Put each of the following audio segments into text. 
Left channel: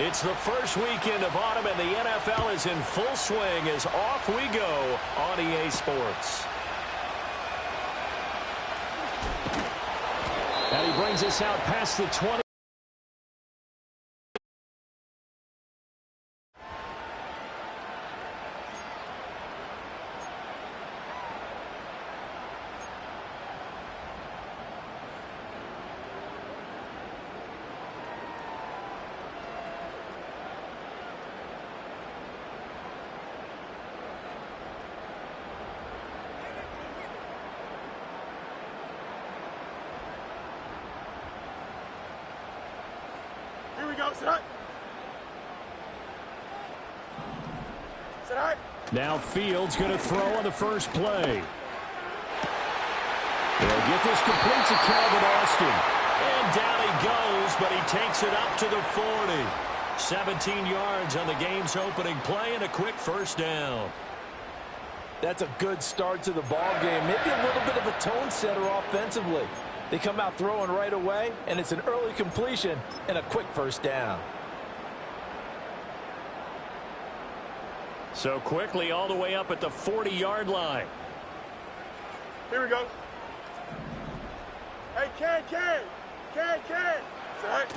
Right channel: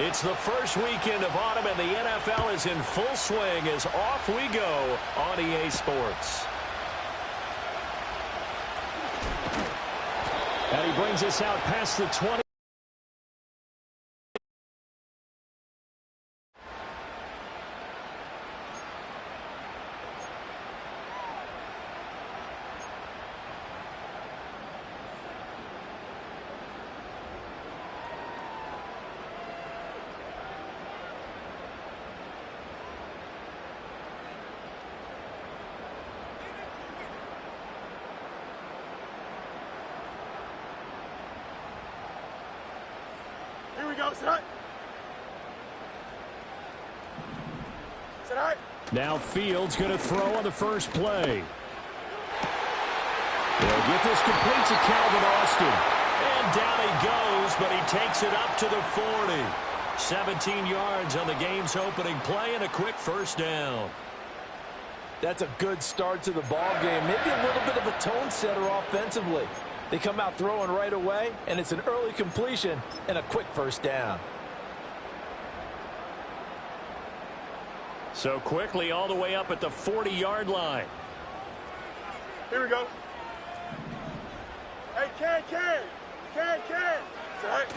It's the first weekend of autumn, and the NFL is in full swing as off we go on EA Sports. And he brings us out past the 20. Here we go, set. Set. Now Fields going to throw on the first play. He'll get this complete to Calvin Austin. And down he goes, but he takes it up to the 40. 17 yards on the game's opening play and a quick first down. That's a good start to the ball game. Maybe a little bit of a tone setter offensively. They come out throwing right away, and it's an early completion and a quick first down. So quickly all the way up at the 40-yard line. Here we go. Hey, Ken. Set.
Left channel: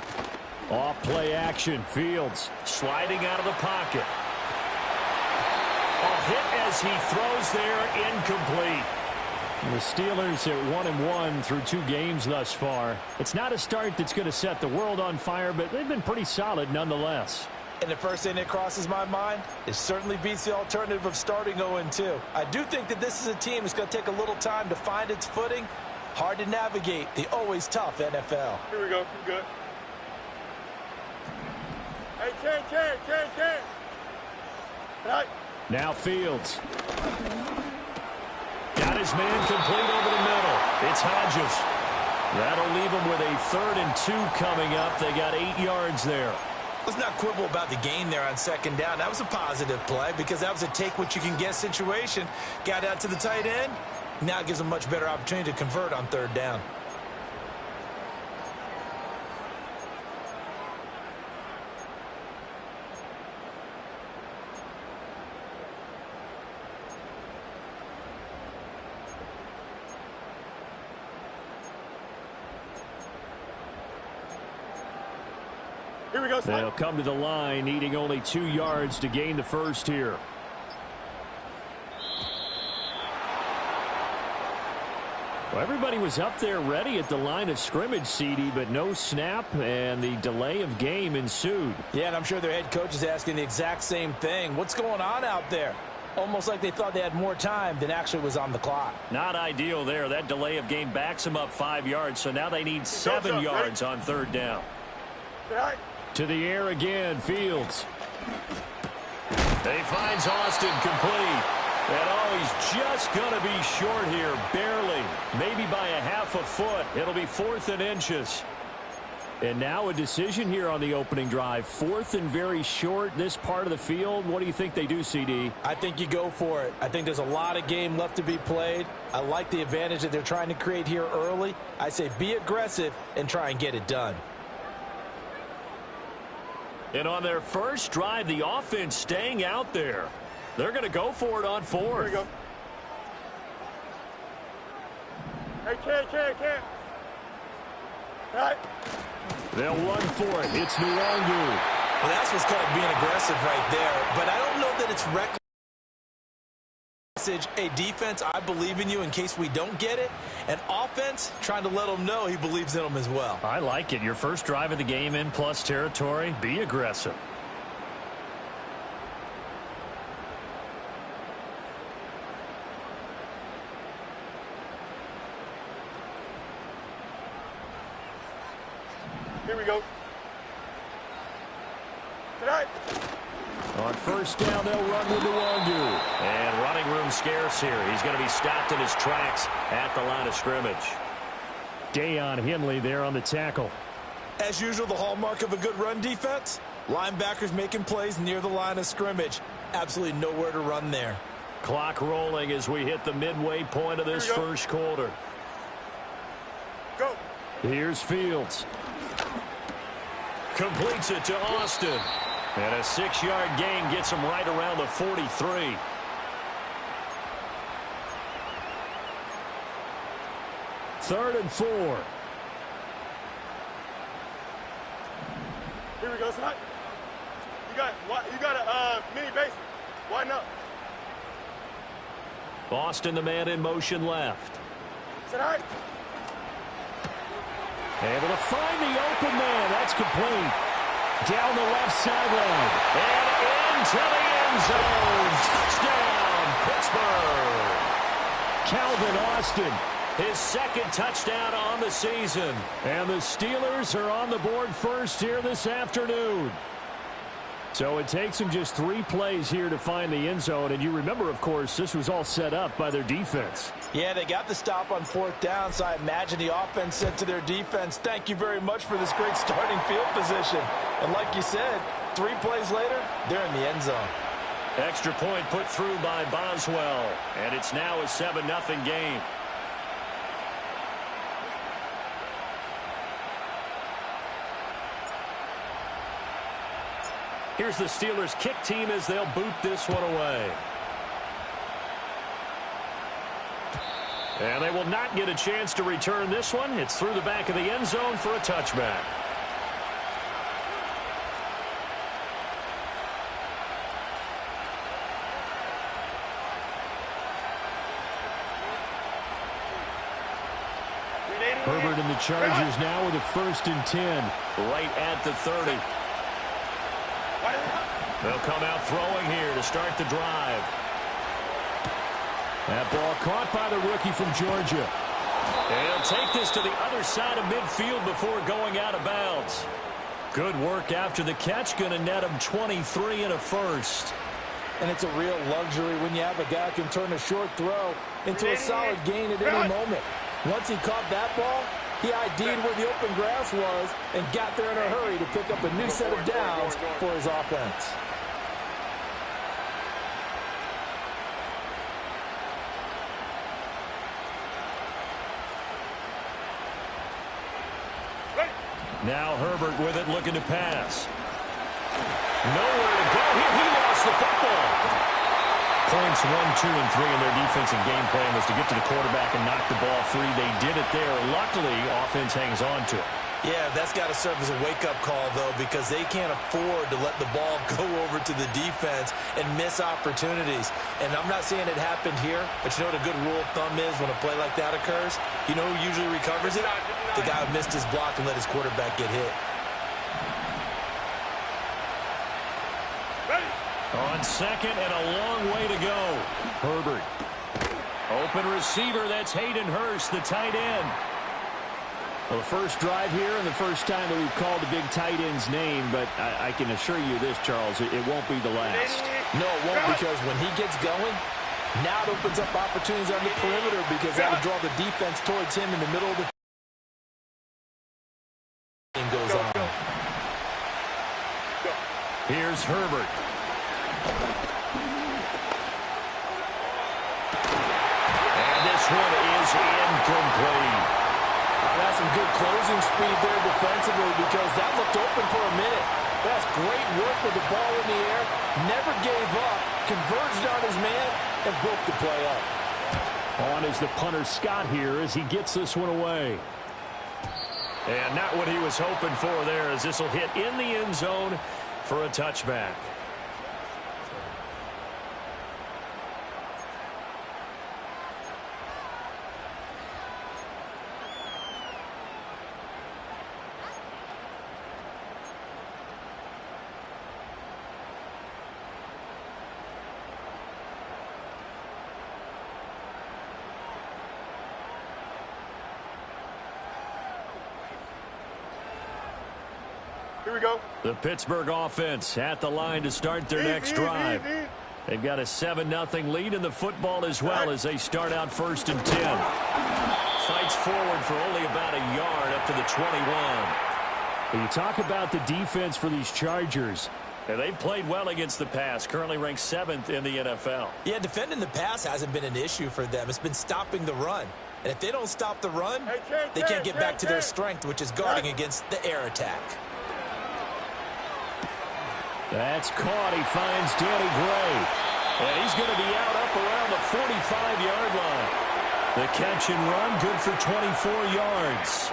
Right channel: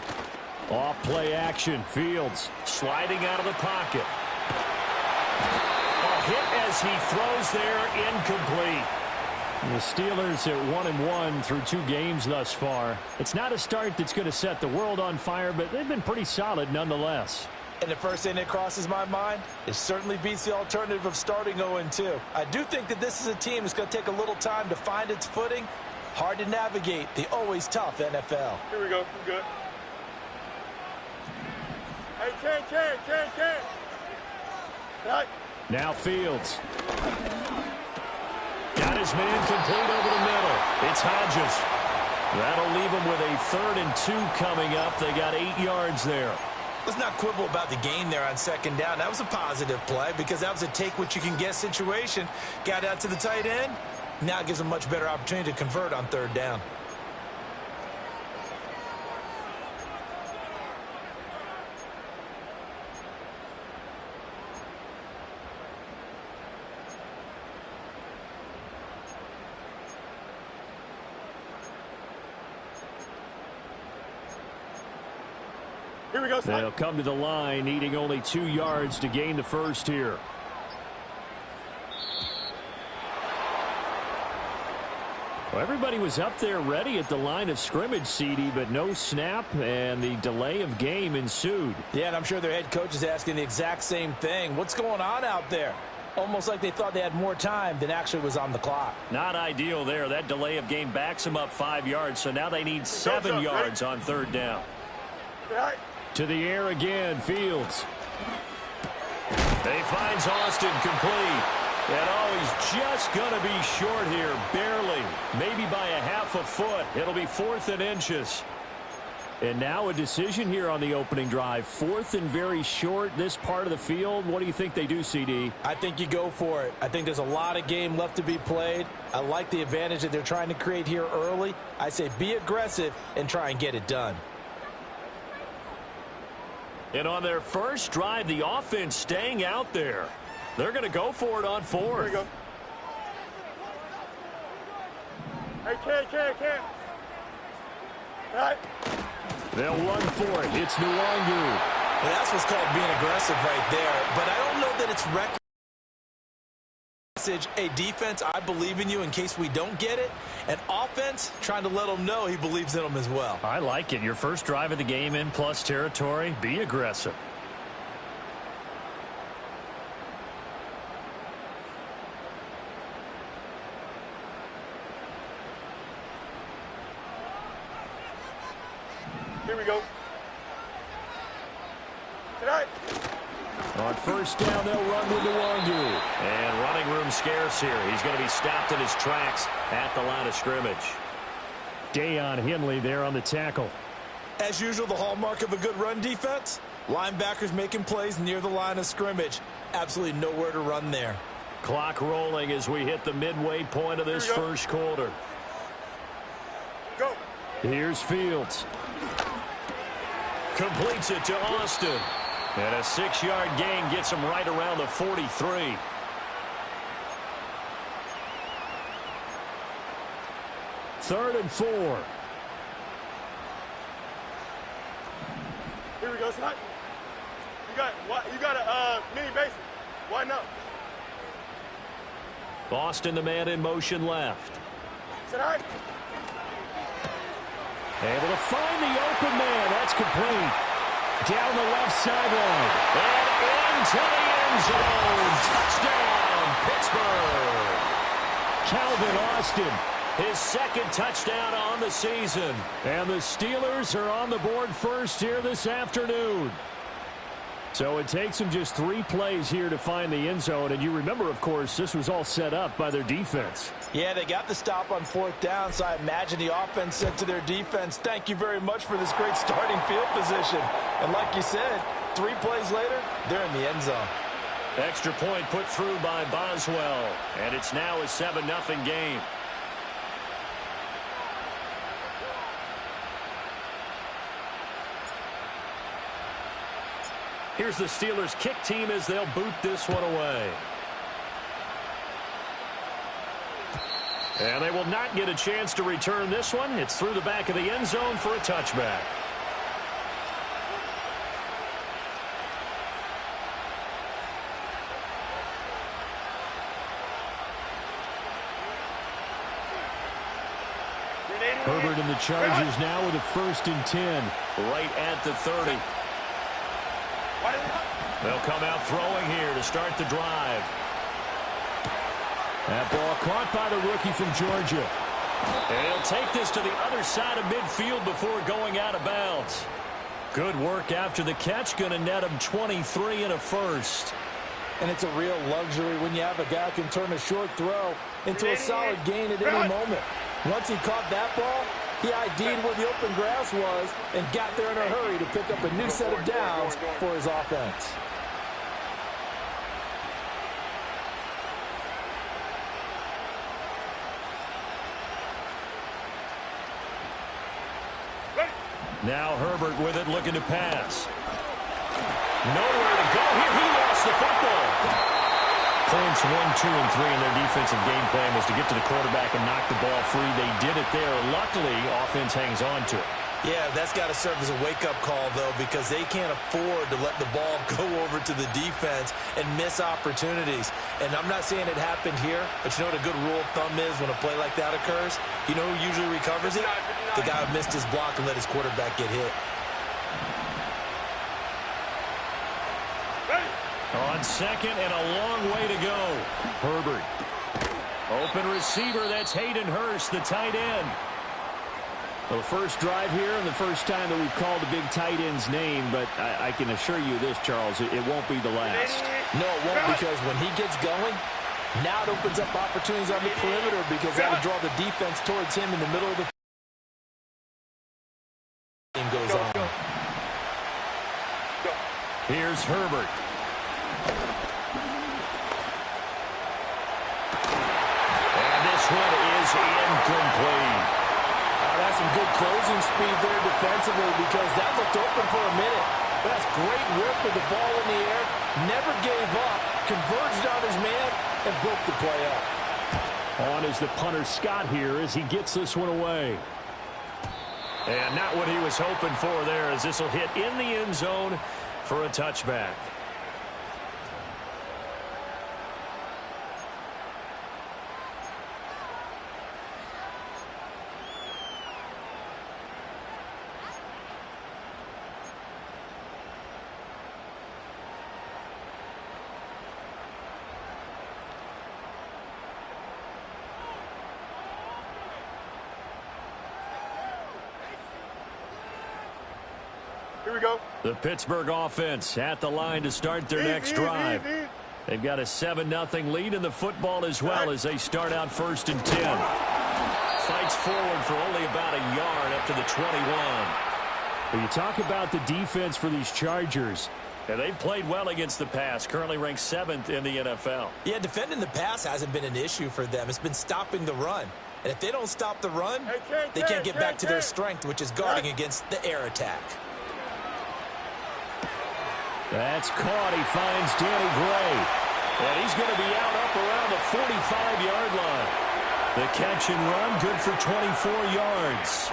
Off play action. Fields sliding out of the pocket. A hit as he throws there, incomplete. The Steelers at 1-1 through 2 games thus far. It's not a start that's going to set the world on fire, but they've been pretty solid nonetheless. And the first thing that crosses my mind, it certainly beats the alternative of starting 0-2. I do think that this is a team that's going to take a little time to find its footing. Hard to navigate the always tough NFL. Here we go. I'm good. Hey, Ken. Right. Now Fields. Got his man complete over the middle. It's Hodges. That'll leave him with a 3rd and 2 coming up. They got 8 yards there. Let's not quibble about the gain there on second down. That was a positive play because that was a take-what-you-can-get situation. Got out to the tight end. Now it gives them a much better opportunity to convert on 3rd down. Here we go, They'll come to the line, needing only 2 yards to gain the first here. Well, everybody was up there ready at the line of scrimmage, CD, but no snap, and the delay of game ensued. Yeah, and I'm sure their head coach is asking the exact same thing. What's going on out there? Almost like they thought they had more time than actually was on the clock. Not ideal there. That delay of game backs them up 5 yards, so now they need 7 yards on 3rd down. Right. To the air again, Fields. He finds Austin complete. And he's just going to be short here, barely. Maybe by a half a foot. It'll be 4th and inches. And now a decision here on the opening drive. 4th and very short, this part of the field. What do you think they do, CD? I think you go for it. I think there's a lot of game left to be played. I like the advantage that they're trying to create here early. I say be aggressive and try and get it done. And on their first drive, the offense staying out there. They're going to go for it on 4th. Here we go. Hey, Ken. Right. They'll run for it. It's Nwangu. Well, that's what's called being aggressive right there. But I don't know that it's reckless. A defense, I believe in you in case we don't get it. An offense, trying to let them know he believes in them as well. I like it. Your first drive of the game in plus territory. Be aggressive. Here we go. Tonight. On first down, they'll run with Nwangu. And running room scarce here. He's going to be stopped in his tracks at the line of scrimmage. Deion Henley there on the tackle. As usual, the hallmark of a good run defense, linebackers making plays near the line of scrimmage. Absolutely nowhere to run there. Clock rolling as we hit the midway point of this first quarter. Go. Here's Fields. Completes it to Austin. And a 6-yard gain gets him right around the 43. Third and 4. Here we go, son. You got a mini basic. Why not? Austin, the man in motion left. Sit all right. Able to find the open man. That's complete. Down the left sideline. And into the end zone. Touchdown, Pittsburgh. Calvin Austin, his second touchdown on the season. And the Steelers are on the board first here this afternoon. So it takes them just 3 plays here to find the end zone. And you remember, of course, this was all set up by their defense. Yeah, they got the stop on 4th down, so I imagine the offense said to their defense, thank you very much for this great starting field position. And like you said, 3 plays later, they're in the end zone. Extra point put through by Boswell. And it's now a 7-0 game. Here's the Steelers' kick team as they'll boot this one away. And they will not get a chance to return this one. It's through the back of the end zone for a touchback. Herbert and the Chargers now with a 1st and 10. Right at the 30. They'll come out throwing here to start the drive. That ball caught by the rookie from Georgia. And he'll take this to the other side of midfield before going out of bounds. Good work after the catch. Going to net him 23 and a first. And it's a real luxury when you have a guy who can turn a short throw into a solid gain at any moment. Once he caught that ball, he ID'd where the open grass was and got there in a hurry to pick up a new set of downs for his offense. Now Herbert with it, looking to pass. Nowhere to go here. He lost the football. Points 1, 2, and 3 in their defensive game plan was to get to the quarterback and knock the ball free. They did it there. Luckily, offense hangs on to it. Yeah, that's got to serve as a wake-up call, though, because they can't afford to let the ball go over to the defense and miss opportunities. And I'm not saying it happened here, but you know what a good rule of thumb is when a play like that occurs? You know who usually recovers it? The guy who missed his block and let his quarterback get hit. On second and a long way to go. Herbert. Open receiver, that's Hayden Hurst, the tight end. Well, the first drive here and the first time that we've called the big tight end's name, but I can assure you this, Charles, it won't be the last. No, it won't, because when he gets going, now it opens up opportunities on the perimeter because that'll draw the defense towards him in the middle of the game goes on. Here's Herbert. And this one is incomplete. That's some good closing speed there defensively because that looked open for a minute. That's great work with the ball in the air. Never gave up, converged on his man, and broke the play up. On is the punter Scott here as he gets this one away. And not what he was hoping for there, as this will hit in the end zone for a touchback. Here we go. The Pittsburgh offense at the line to start their next drive. They've got a 7-0 lead in the football as well as they start out 1st and 10. Fights forward for only about a yard up to the 21. When you talk about the defense for these Chargers, and they've played well against the pass, currently ranked 7th in the NFL. Yeah, defending the pass hasn't been an issue for them. It's been stopping the run. And if they don't stop the run, they can't get back to their strength, which is guarding against the air attack. That's caught. He finds Danny Gray. And he's going to be out up around the 45-yard line. The catch and run, good for 24 yards.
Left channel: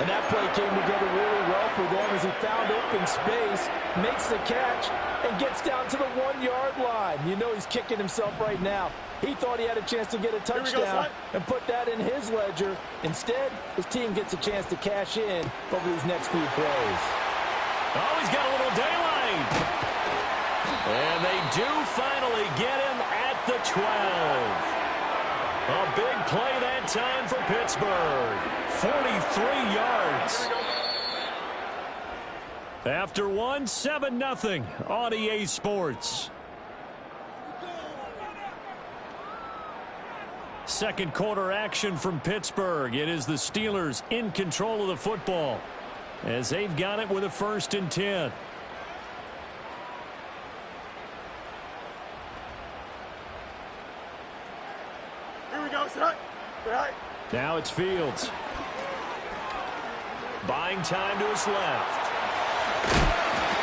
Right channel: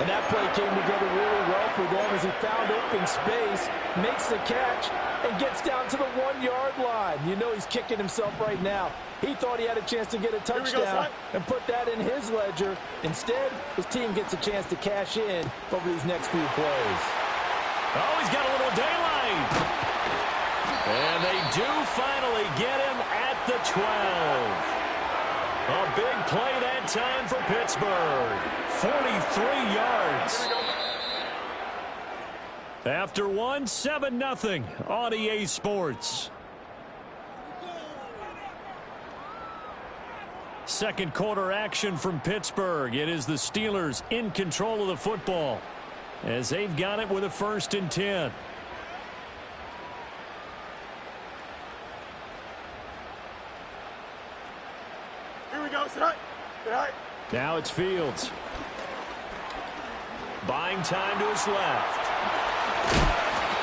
And that play came together really well for them as he found open space, makes the catch, and gets down to the 1-yard line. You know he's kicking himself right now. He thought he had a chance to get a touchdown and put that in his ledger. Instead, his team gets a chance to cash in over these next few plays. Oh, he's got a little daylight. And they do finally get him at the 12. A big play that time for Pittsburgh. 43 yards. After one, 7-0 on EA Sports. Second quarter action from Pittsburgh. It is the Steelers in control of the football as they've got it with a 1st and 10. Here we go. Sit high. Sit high. Now it's Fields. Buying time to his left.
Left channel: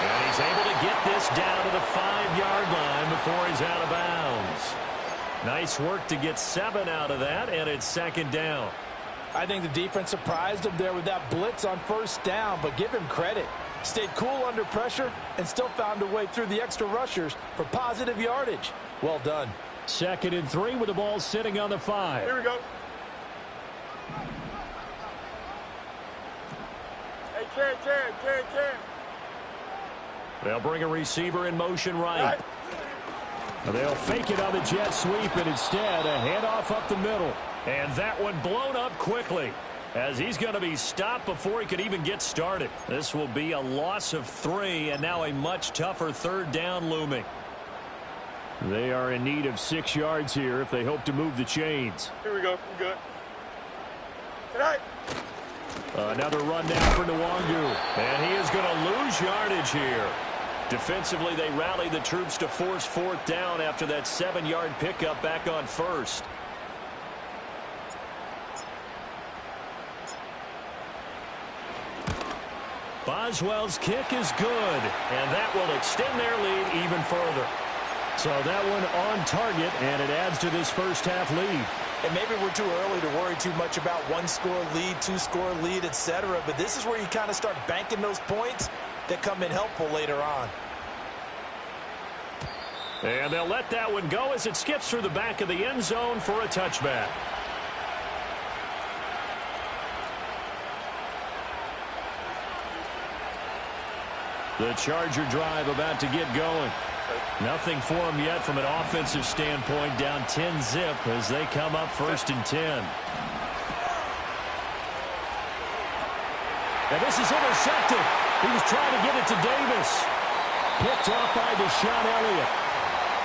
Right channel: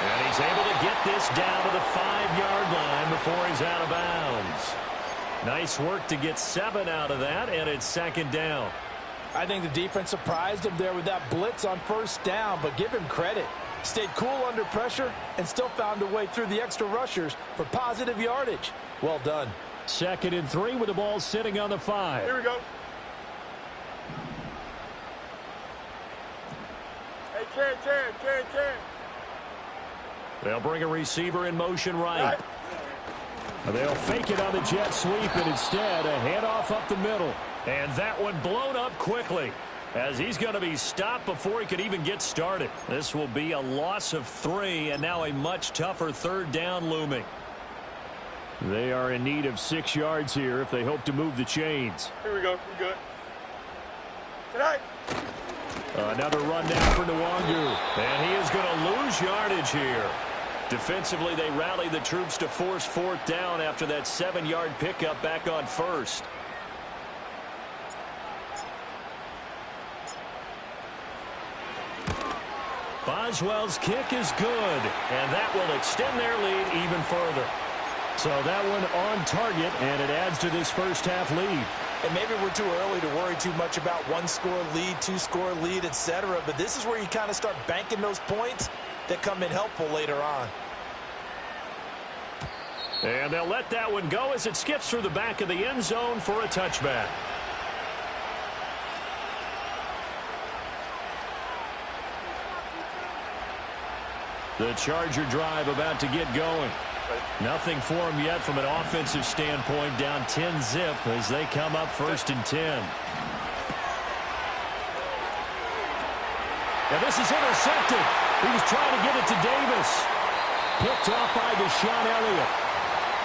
And he's able to get this down to the 5-yard line before he's out of bounds. Nice work to get 7 out of that, and it's 2nd down. I think the defense surprised him there with that blitz on 1st down, but give him credit. Stayed cool under pressure and still found a way through the extra rushers for positive yardage. Well done. 2nd and 3 with the ball sitting on the 5. Here we go. Hey, Ken. They'll bring a receiver in motion right. They'll fake it on the jet sweep, and instead a handoff up the middle. And that one blown up quickly as he's going to be stopped before he could even get started. This will be a loss of 3, and now a much tougher 3rd down looming. They are in need of 6 yards here if they hope to move the chains. Here we go. You good. Tonight. Another run now for Nwangu. And he is going to lose yardage here. Defensively, they rally the troops to force 4th down after that 7-yard pickup back on 1st. Boswell's kick is good, and that will extend their lead even further. So that one on target, and it adds to this first half lead. And maybe we're too early to worry too much about 1-score lead, 2-score lead, etc. But this is where you kind of start banking those points that come in helpful later on. And they'll let that one go as it skips through the back of the end zone for a touchback. The Charger drive about to get going. Nothing for them yet from an offensive standpoint, down 10-zip as they come up 1st and 10. And this is intercepted. He was trying to get it to Davis. Picked off by Deshaun Elliott.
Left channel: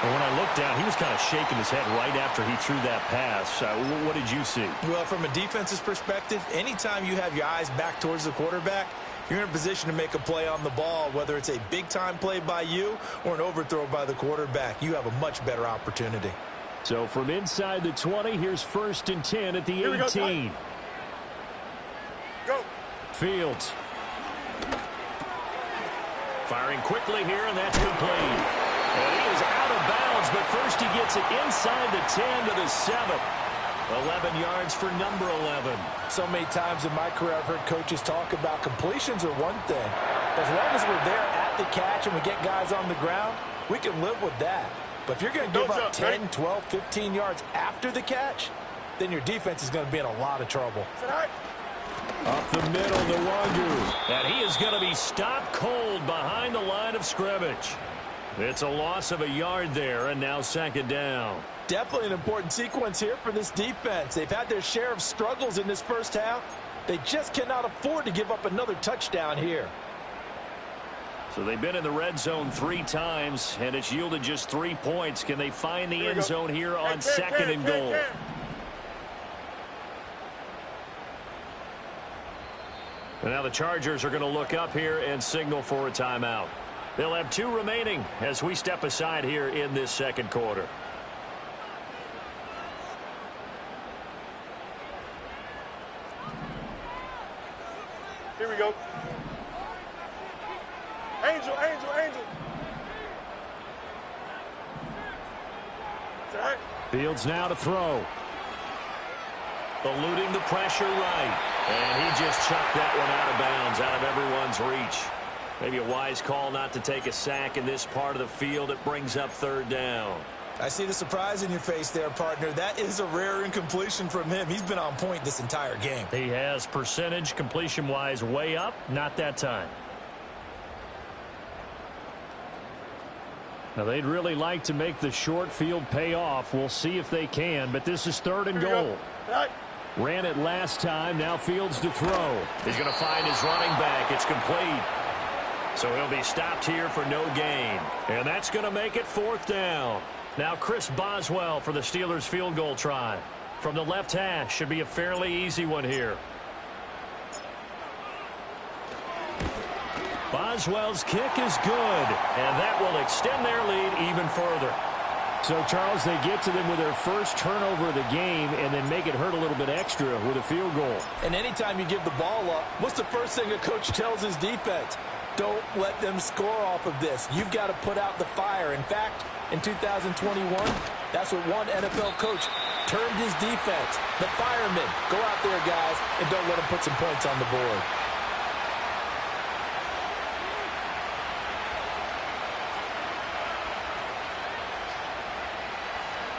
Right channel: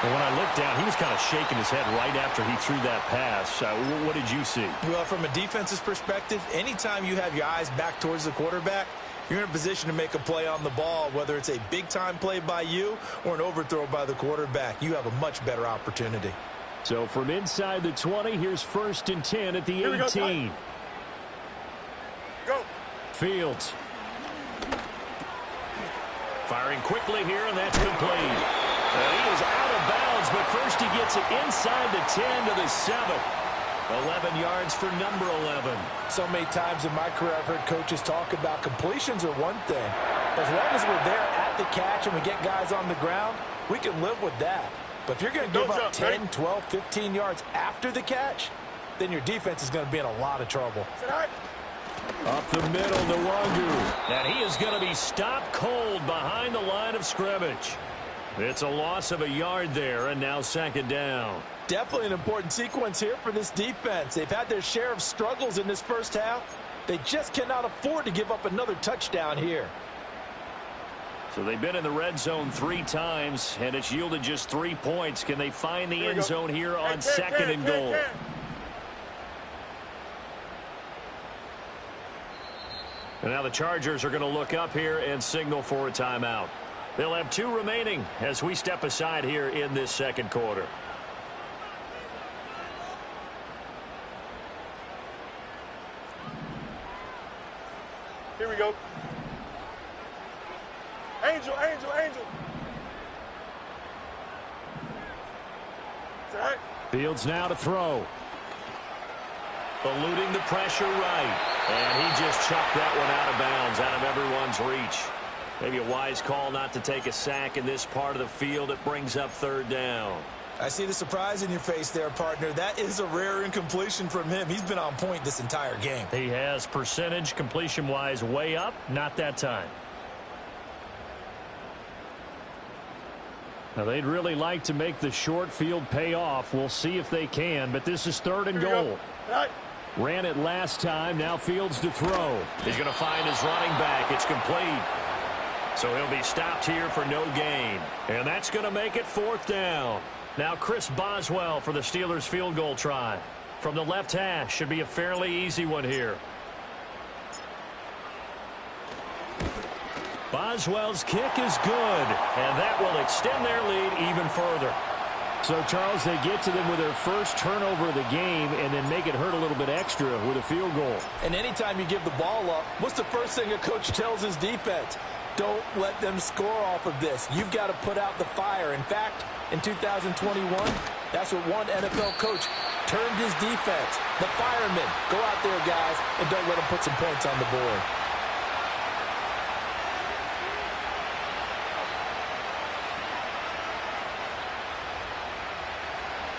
And when I looked down, he was kind of shaking his head right after he threw that pass. What did you see? Well, from a defense's perspective, anytime you have your eyes back towards the quarterback, you're in a position to make a play on the ball, whether it's a big-time play by you or an overthrow by the quarterback. You have a much better opportunity. So from inside the 20, here's 1st and 10 at the 18. Go. Fields. Firing quickly here, and that's complete. And he is out of bounds, but first he gets it inside the 10 to the 7. 11 yards for number 11. So many times in my career I've heard coaches talk about completions are one thing. As long as we're there at the catch and we get guys on the ground, we can live with that. But if you're going to give up 10, 12, 15 yards after the catch, then your defense is going to be in a lot of trouble. Up the middle, Nwangu. And he is going to be stopped cold behind the line of scrimmage. It's a loss of a yard there, and now 2nd down. Definitely an important sequence here for this defense. They've had their share of struggles in this first half. They just cannot afford to give up another touchdown here. So they've been in the red zone 3 times, and it's yielded just 3 points. Can they find the end zone here on 2nd and goal? And now the Chargers are going to look up here and signal for a timeout. They'll have 2 remaining as we step aside here in this 2nd quarter. Here we go. Hey, Angel, angel, angel. That's right. Fields now to throw. Eluding the pressure right. And he just chucked that one out of bounds, out of everyone's reach. Maybe a wise call not to take a sack in this part of the field. It brings up third down. I see the surprise in your face there, partner. That is a rare incompletion from him. He's been on point this entire game. He has percentage completion-wise way up. Not that time. Now, they'd really like to make the short field pay off. We'll see if they can, but this is third and goal. Right. Ran it last time. Now Fields to throw. He's going to find his running back. It's complete. So he'll be stopped here for no gain. And that's going to make it fourth down. Now Chris Boswell for the Steelers field goal try. From the left hash. Should be a fairly easy one here. Boswell's kick is good. And that will extend their lead even further. So, Charles, they get to them with their first turnover of the game and then make it hurt a little bit extra with a field goal. And anytime you give the ball up, what's the first thing a coach tells his defense? Don't let them score off of this. You've got to put out the fire. In fact, in 2021, that's what one NFL coach termed his defense. The firemen. Go out there, guys, and don't let them put some points on the board.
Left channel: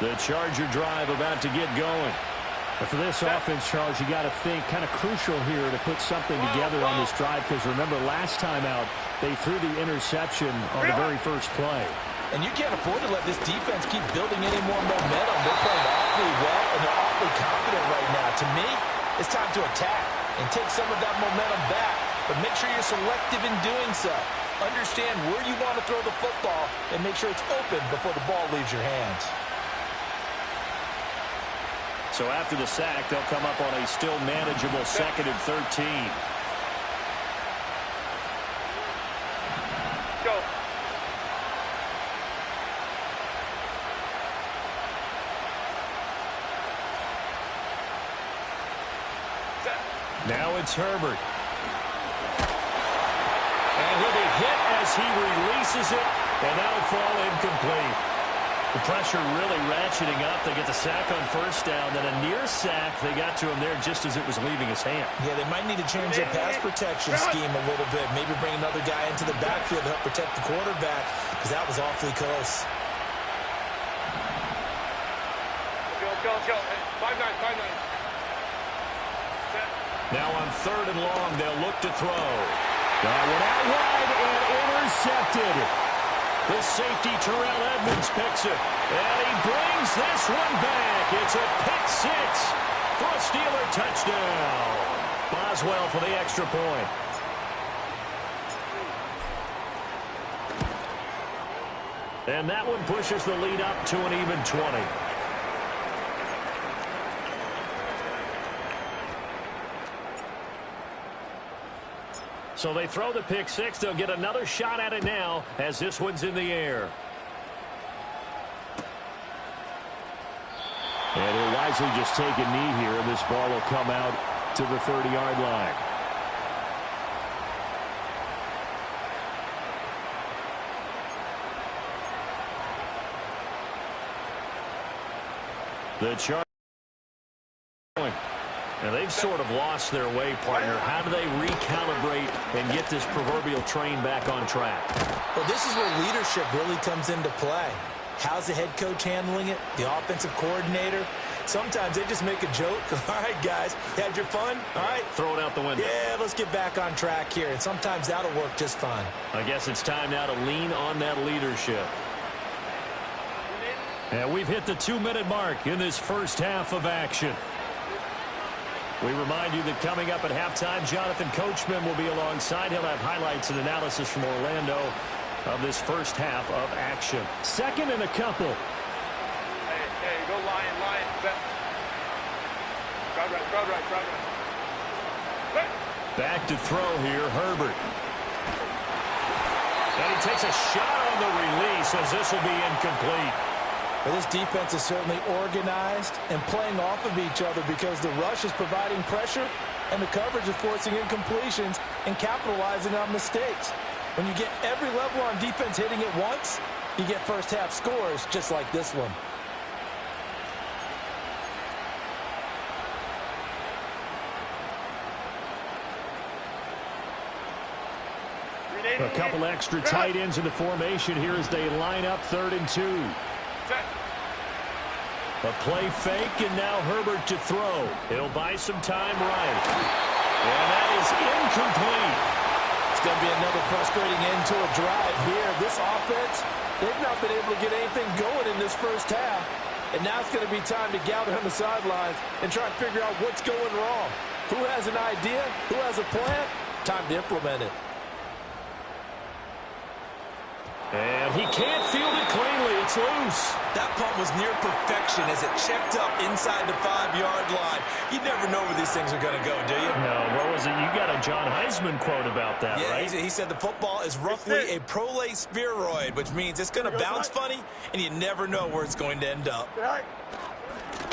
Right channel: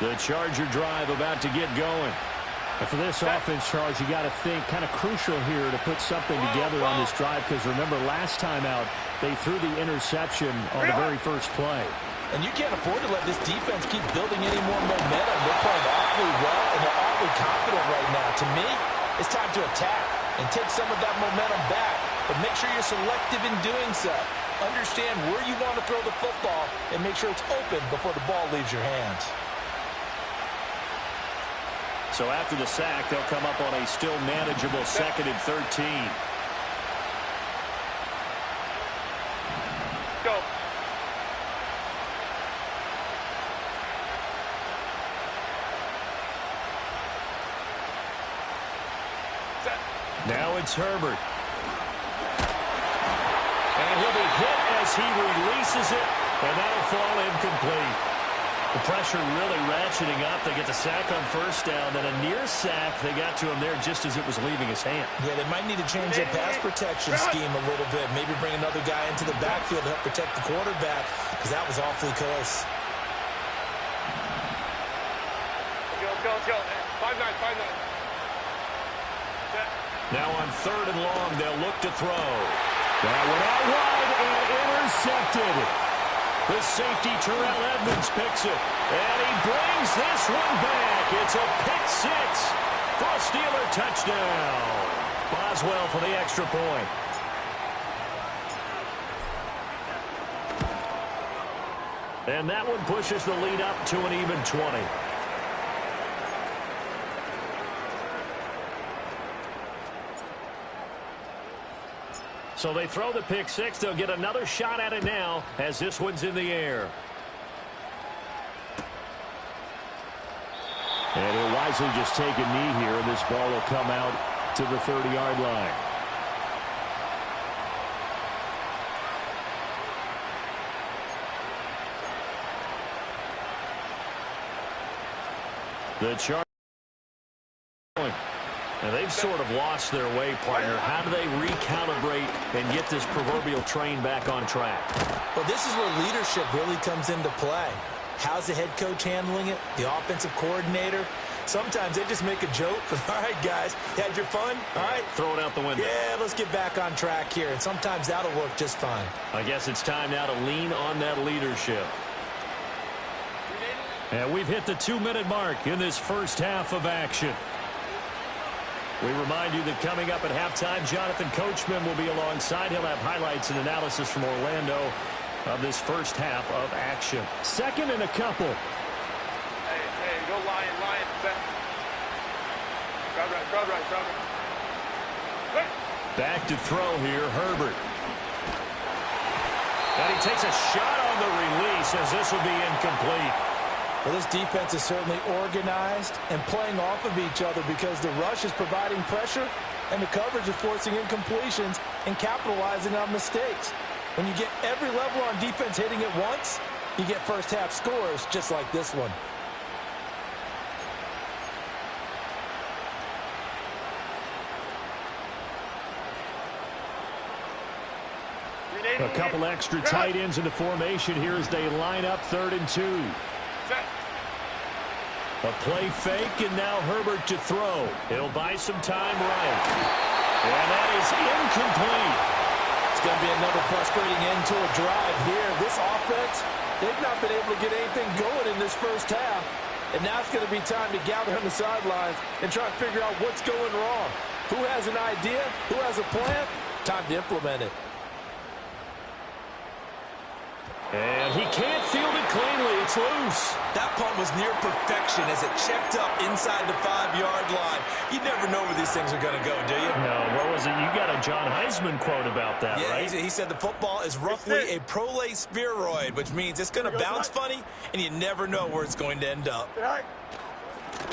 The Charger drive about to get going. And for this offense, Charles, you got to think kind of crucial here to put something together on this drive, because remember last time out they threw the interception on the very first play. And you can't afford to let this defense keep building any more momentum. They're playing awfully well, and they're awfully confident right now. To me, it's time to attack and take some of that momentum back, but make sure you're selective in doing so. Understand where you want to throw the football and make sure it's open before the ball leaves your hands. So after the sack, they'll come up on a still manageable 2nd and 13. Go. Set. Now it's Herbert. And he'll be hit as he releases it, and that'll fall incomplete. The pressure really ratcheting up. They get the sack on first down. Then a near sack. They got to him there just as it was leaving his hand. Yeah, they might need to change their pass protection scheme a little bit. Maybe bring another guy into the backfield to help protect the quarterback, because that was awfully close. Let's go. 5-9, 5-9. Set. Now on 3rd and long, they'll look to throw. That one out wide and intercepted. The safety, Terrell Edmonds, picks it. And he brings this one back. It's a pick six for a Steeler touchdown. Boswell for the extra point. And that one pushes the lead up to an even 20. So they throw the pick six. They'll get another shot at it now as this one's in the air. And he'll wisely just take a knee here, and this ball will come out to the 30-yard line. The Chargers. Now, they've sort of lost their way, partner. How do they recalibrate and get this proverbial train back on track? Well, this is where leadership really comes into play. How's the head coach handling it? The offensive coordinator? Sometimes they just make a joke. All right, guys, had your fun? All right. Throw it out the window. Yeah, let's get back on track here. And sometimes that'll work just fine. I guess it's time now to lean on that leadership. And we've hit the 2-minute mark in this first half of action. We remind you that coming up at halftime, Jonathan Coachman will be alongside. He'll have highlights and analysis from Orlando of this first half of action. 2nd and a couple. Hey, go Lion, set. Crowd right. Right. Back to throw here, Herbert. And he takes a shot on the release as this will be incomplete. Well, this defense is certainly organized and playing off of each other because the rush is providing pressure and the coverage is forcing incompletions and capitalizing on mistakes. When you get every level on defense hitting it once, you get first half scores just like this one. A couple extra tight ends into formation here as they line up 3rd and 2. A play fake, and now Herbert to throw. He'll buy some time right. And that is incomplete. It's going to be another frustrating end to a drive here. This offense, they've not been able to get anything going in this first half. And now it's going to be time to gather on the sidelines and try and figure out what's going wrong. Who has an idea? Who has a plan? Time to implement it. And he can't field it cleanly. It's loose. That punt was near perfection as it checked up inside the 5-yard line. You never know where these things are going to go, do you? No, what was it? You got a John Heisman quote about that, right? Yeah, he said the football is roughly a prolate spheroid, which means it's going to bounce funny, and you never know where it's going to end up.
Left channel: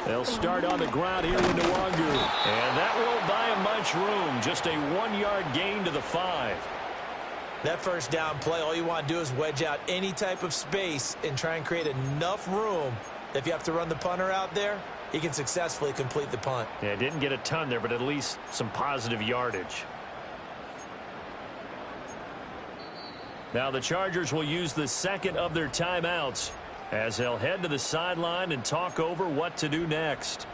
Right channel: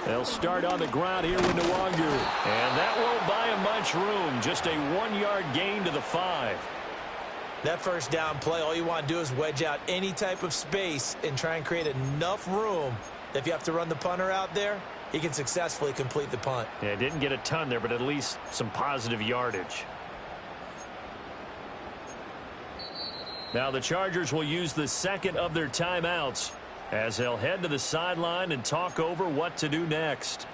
They'll start on the ground here with Nwangu. And that won't buy him much room. Just a 1-yard gain to the 5. That first down play, all you want to do is wedge out any type of space and try and create enough room that if you have to run the punter out there, he can successfully complete the punt. Yeah, didn't get a ton there, but at least some positive yardage. Now the Chargers will use the second of their timeouts as they'll head to the sideline and talk over what to do next.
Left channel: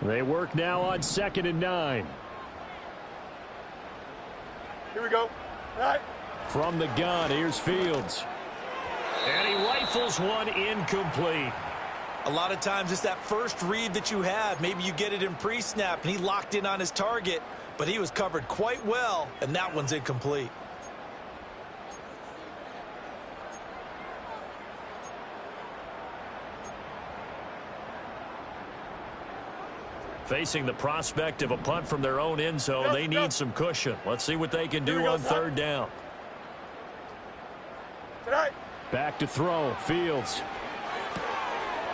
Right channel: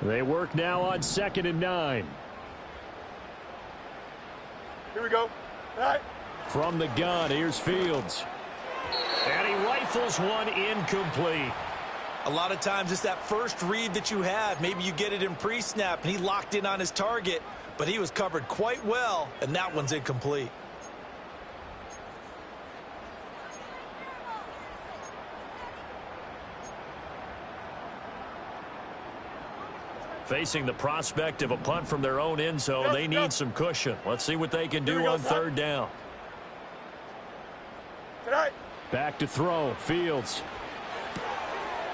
They work now on 2nd and 9. Here we go. All right. From the gun, here's Fields. And he rifles one incomplete. A lot of times it's that first read that you have. Maybe you get it in pre-snap, and he locked in on his target, but he was covered quite well, and that one's incomplete. Facing the prospect of a punt from their own end zone, they need some cushion. Let's see what they can do on 3rd down. Back to throw, Fields.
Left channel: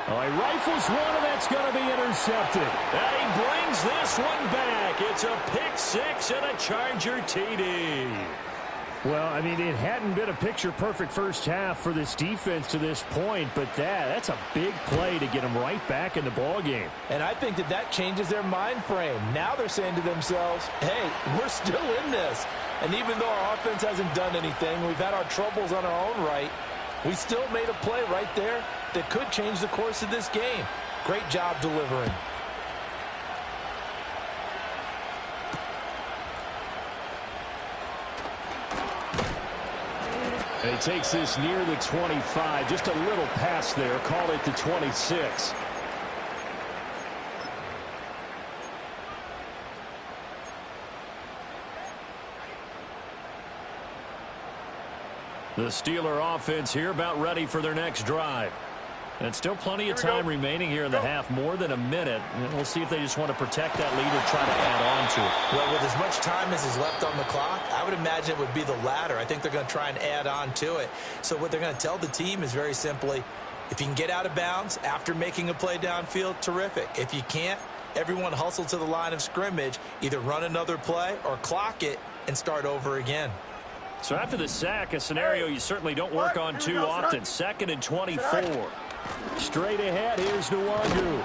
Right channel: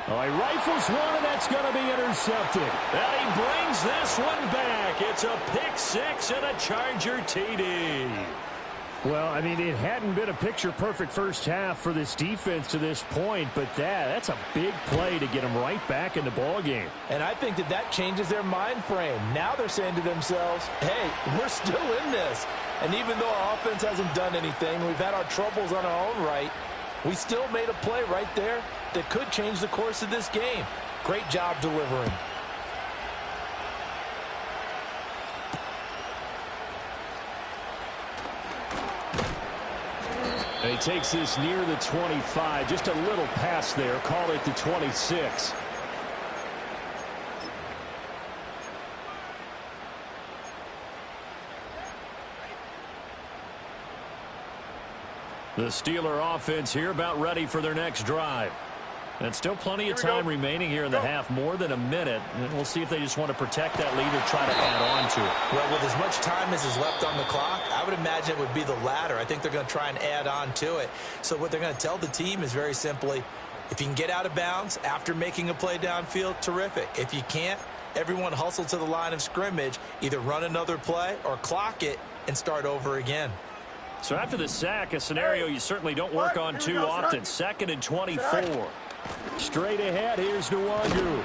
Oh, he rifles one, and that's going to be intercepted. And he brings this one back. It's a pick 6 and a Charger TD. Well, I mean, it hadn't been a picture-perfect first half for this defense to this point, but that's a big play to get them right back in the ballgame. And I think that changes their mind frame. Now they're saying to themselves, hey, we're still in this. And even though our offense hasn't done anything, we've had our troubles on our own right, we still made a play right there that could change the course of this game. Great job delivering. And he takes this near the 25. Just a little pass there. Call it the 26. The Steeler offense here about ready for their next drive. And still plenty of time remaining here in the half, more than a minute. And we'll see if they just want to protect that lead or try to add on to it. Well, with as much time as is left on the clock, I would imagine it would be the latter. I think they're going to try and add on to it. So what they're going to tell the team is very simply, if you can get out of bounds after making a play downfield, terrific. If you can't, everyone hustle to the line of scrimmage, either run another play or clock it and start over again. So after the sack, a scenario you certainly don't work on too often. 2nd and 24. Straight ahead, here's Nwangu.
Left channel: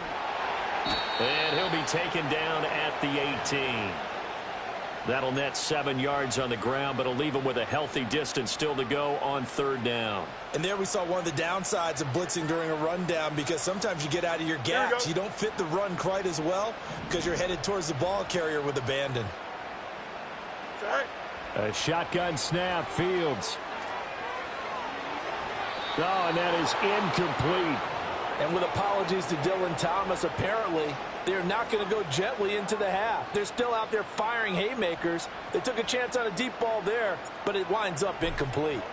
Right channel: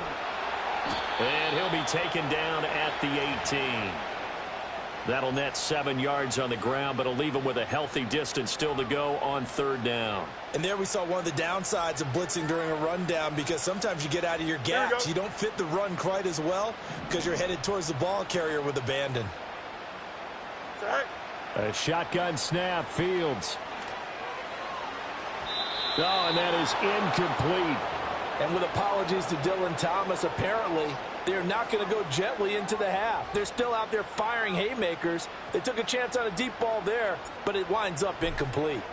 And he'll be taken down at the 18. That'll net 7 yards on the ground, but it'll leave him with a healthy distance still to go on 3rd down. And there we saw one of the downsides of blitzing during a rundown, because sometimes you get out of your gaps. You don't fit the run quite as well because you're headed towards the ball carrier with abandon. A shotgun snap, Fields. Oh, and that is incomplete. And with apologies to Dylan Thomas, apparently they're not going to go gently into the half. They're still out there firing haymakers. They took a chance on a deep ball there, but it winds up incomplete.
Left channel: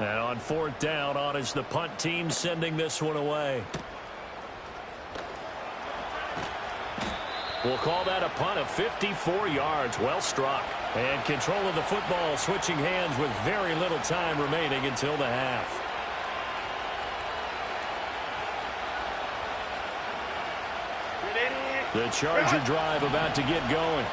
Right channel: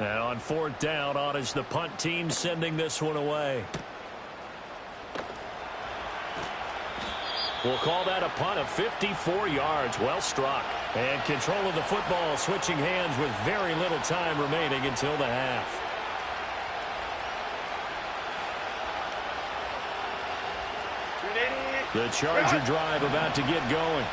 And on 4th down, on is the punt team sending this one away. We'll call that a punt of 54 yards. Well struck. And control of the football switching hands with very little time remaining until the half. The Charger drive about to get going.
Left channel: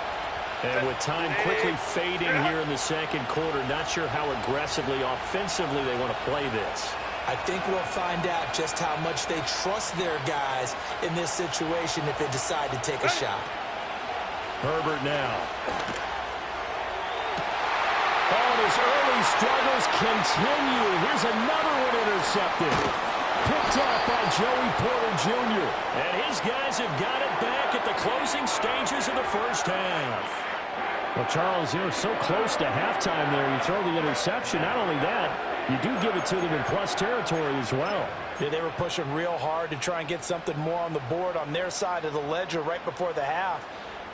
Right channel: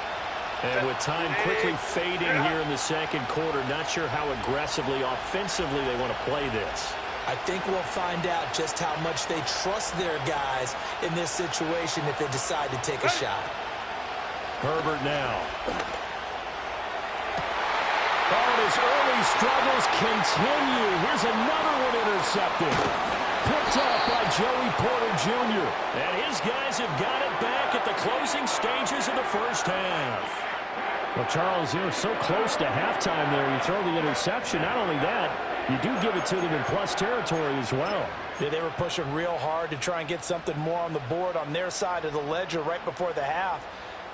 And with time quickly fading here in the second quarter, not sure how aggressively, offensively they want to play this. I think we'll find out just how much they trust their guys in this situation if they decide to take a shot. Herbert now. Oh, and his early struggles continue. Here's another one intercepted. Picked off by Joey Porter Jr. And his guys have got it back at the closing stages of the first half. Well, Charles, you're so close to halftime there. You throw the interception. Not only that, you do give it to them in plus territory as well. Yeah, they were pushing real hard to try and get something more on the board on their side of the ledger right before the half.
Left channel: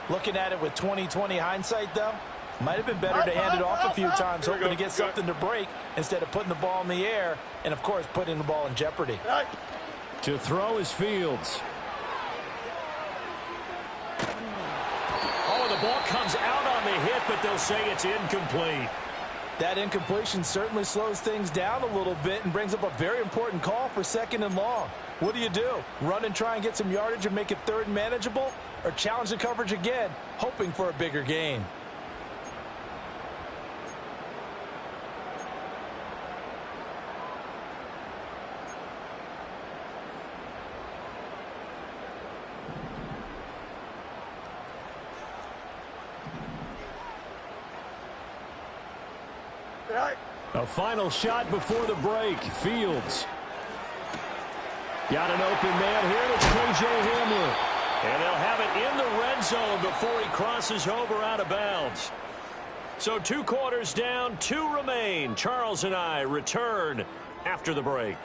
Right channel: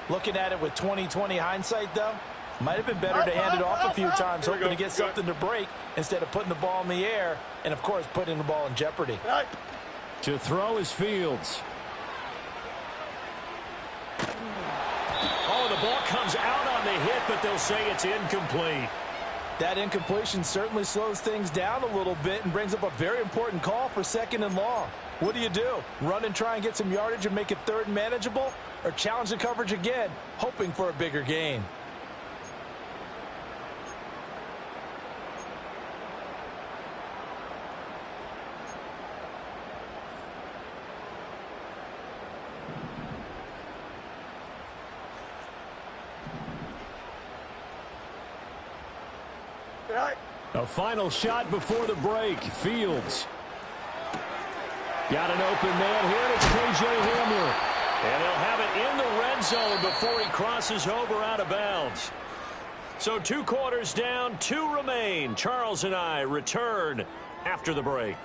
Looking at it with 20/20 hindsight, though, might have been better to hand it off a few times, hoping to get something to break instead of putting the ball in the air and, of course, putting the ball in jeopardy. To throw is Fields. Oh, the ball comes out on the hit, but they'll say it's incomplete. That incompletion certainly slows things down a little bit and brings up a very important call for 2nd and long. What do? Run and try and get some yardage and make it 3rd and manageable? Or challenge the coverage again, hoping for a bigger gain? A final shot before the break. Fields. Got an open man here, and it's K.J. Hamler. And they'll have it in the red zone before he crosses over out of bounds. So 2 quarters down, 2 remain. Charles and I return after the break.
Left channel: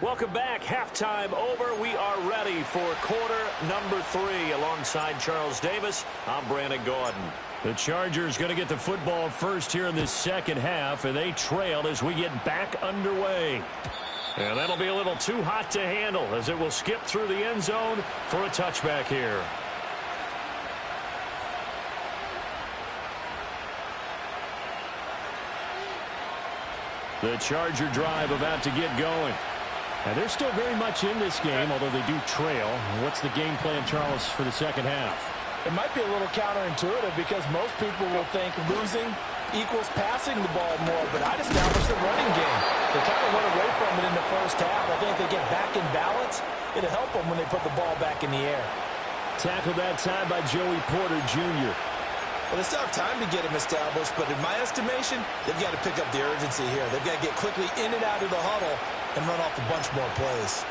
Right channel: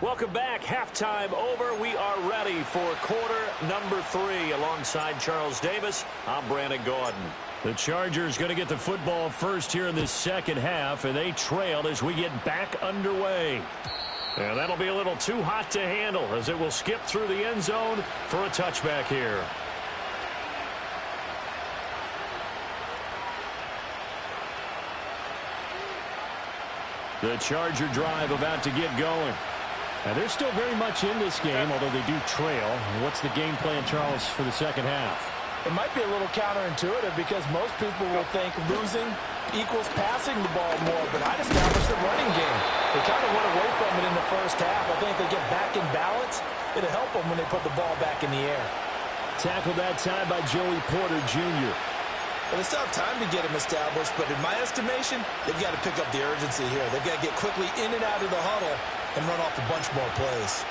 Welcome back. Halftime over. We are ready for quarter number 3. Alongside Charles Davis, I'm Brandon Gaudin. The Chargers going to get the football first here in this second half, and they trail as we get back underway. And that'll be a little too hot to handle as it will skip through the end zone for a touchback here. The Charger drive about to get going. And they're still very much in this game, although they do trail. What's the game plan, Charles, for the second half? It might be a little counterintuitive because most people will think losing equals passing the ball more, but I'd establish the running game. They kind of went away from it in the first half. I think if they get back in balance, it'll help them when they put the ball back in the air. Tackled that time by Joey Porter Jr. Well, they still have time to get him established, but in my estimation, they've got to pick up the urgency here. They've got to get quickly in and out of the huddle and run off a bunch more plays.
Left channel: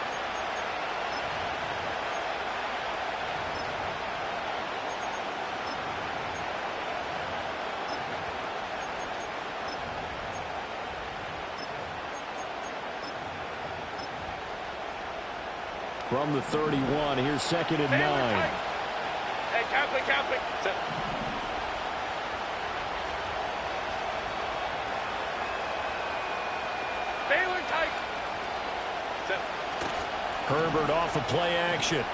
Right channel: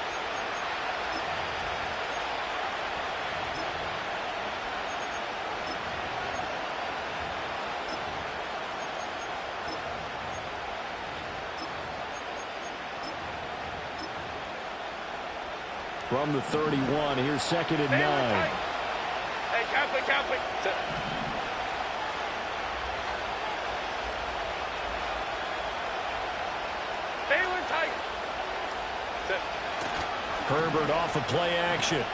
From the 31, here's 2nd and 9. Hey, Catholic. Baylor tight. Herbert off of play action.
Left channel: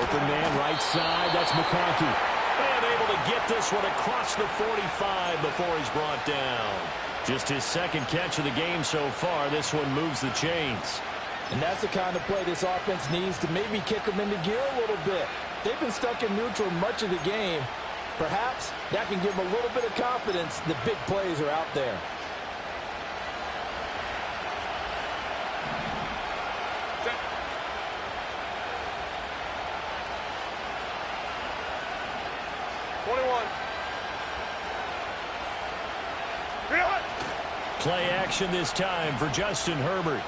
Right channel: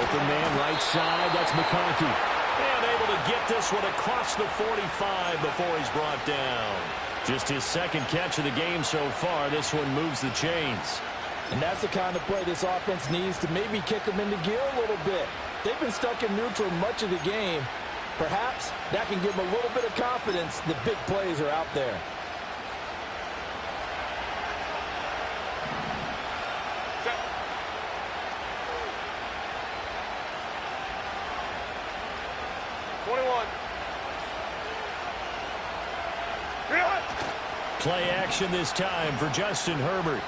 Open man right side. That's McConkey. And able to get this one across the 45 before he's brought down. Just his 2nd catch of the game so far. This one moves the chains. And that's the kind of play this offense needs to maybe kick them into gear a little bit. They've been stuck in neutral much of the game. Perhaps that can give them a little bit of confidence that big plays are out there. Play action this time for Justin Herbert.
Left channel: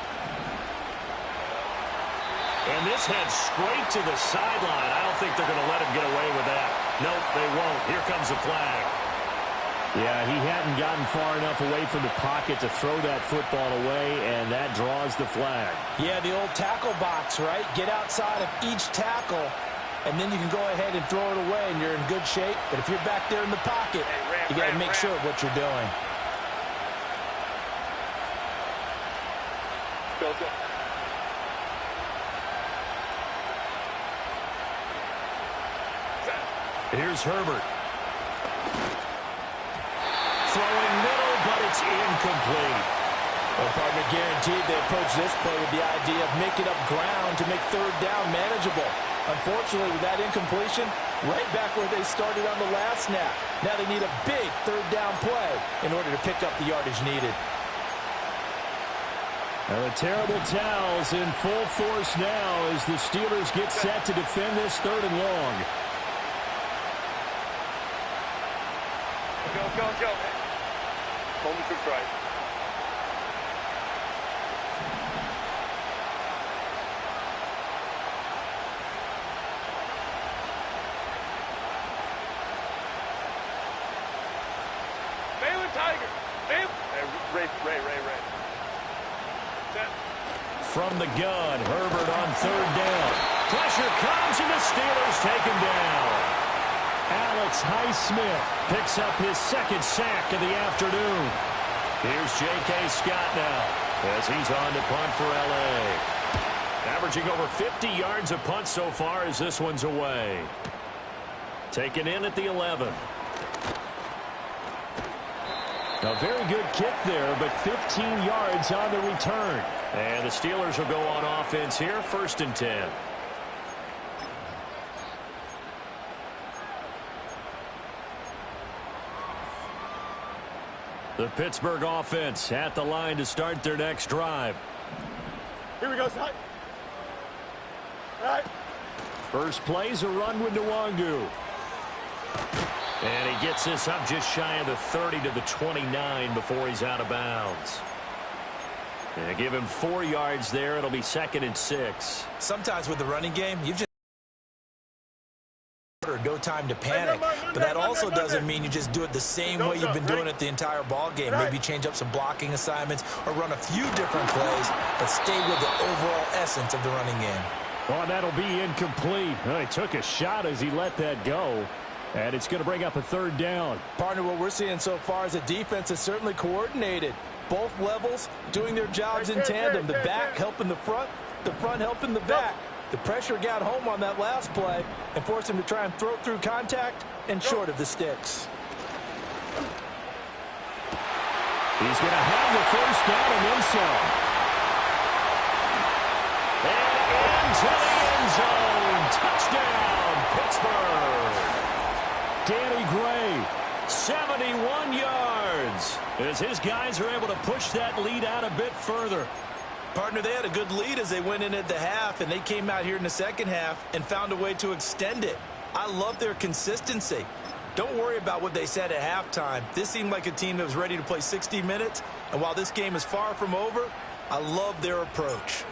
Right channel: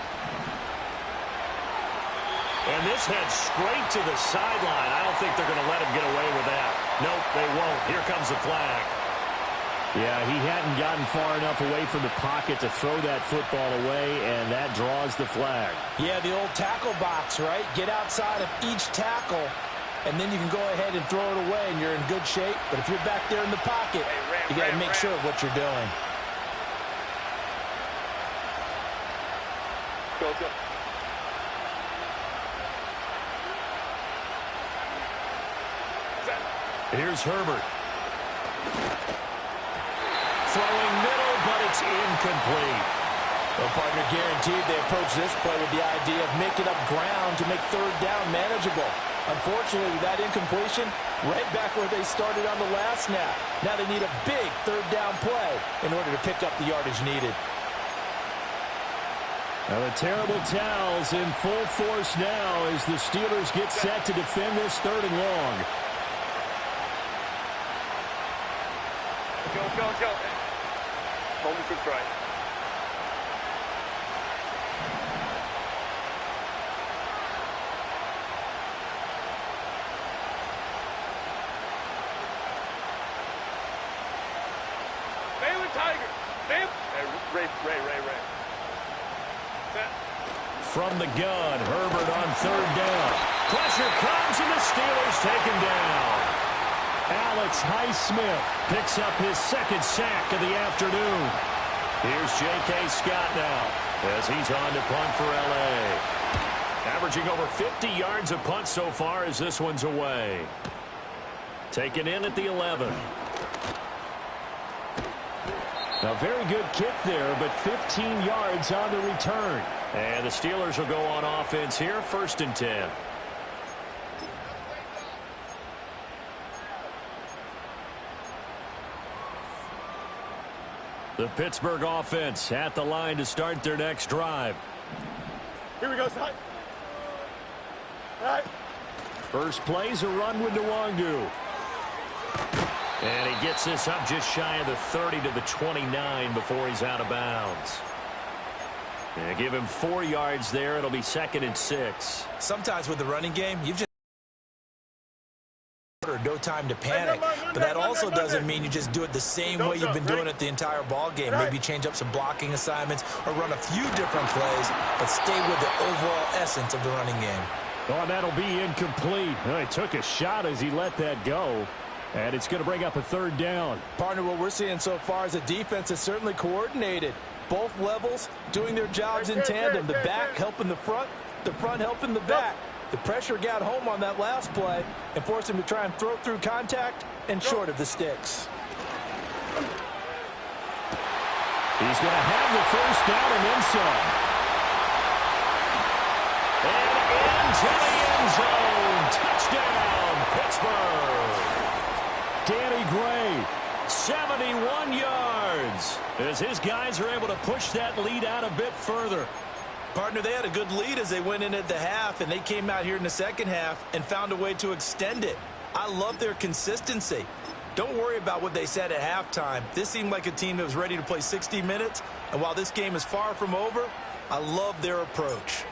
And this head straight to the sideline. I don't think they're going to let him get away with that. Nope, they won't. Here comes the flag. Yeah, he hadn't gotten far enough away from the pocket to throw that football away, and that draws the flag. Yeah, the old tackle box, right? Get outside of each tackle, and then you can go ahead and throw it away, and you're in good shape. But if you're back there in the pocket, you got to make sure of what you're doing. go, let's go. Here's Herbert. Throwing middle, but it's incomplete. Well, partner, guaranteed they approach this play with the idea of making up ground to make third down manageable. Unfortunately, with that incompletion, right back where they started on the last snap. Now they need a big third down play in order to pick up the yardage needed. Now the terrible towels in full force now as the Steelers get set to defend this 3rd and long. Go, go, go. Hold the troops right. Baylor Tiger. Baylor. Hey, Ray. Set. From the gun, Herbert on 3rd down. Pressure comes and the Steelers take him down. Alex Highsmith picks up his 2nd sack of the afternoon. Here's J.K. Scott now as he's on to punt for L.A. Averaging over 50 yards a punt so far as this one's away. Taken in at the 11. A very good kick there, but 15 yards on the return. And the Steelers will go on offense here, 1st and 10. The Pittsburgh offense at the line to start their next drive. Here we go, son. All right. First play's a run with Nwangu. And he gets this up just shy of the 30 to the 29 before he's out of bounds. And give him 4 yards there. It'll be 2nd and 6. Sometimes with the running game, you've just no time to panic, but that also doesn't mean you just do it the same way you've been doing it the entire ball game. Maybe change up some blocking assignments or run a few different plays, but stay with the overall essence of the running game. Oh, and that'll be incomplete. He took a shot as he let that go, and it's going to bring up a 3rd down. Partner, what we're seeing so far is a defense that's certainly coordinated. Both levels doing their jobs in tandem. The back helping the front helping the back. The pressure got home on that last play and forced him to try and throw through contact and short of the sticks. He's going to have the 1st down and then some. And into the end zone. Touchdown, Pittsburgh. Danny Gray, 71 yards. As his guys are able to push that lead out a bit further. Partner, they had a good lead as they went in at the half, and they came out here in the 2nd half and found a way to extend it. I love their consistency. Don't worry about what they said at halftime. This seemed like a team that was ready to play 60 minutes, and while this game is far from over, I love their approach.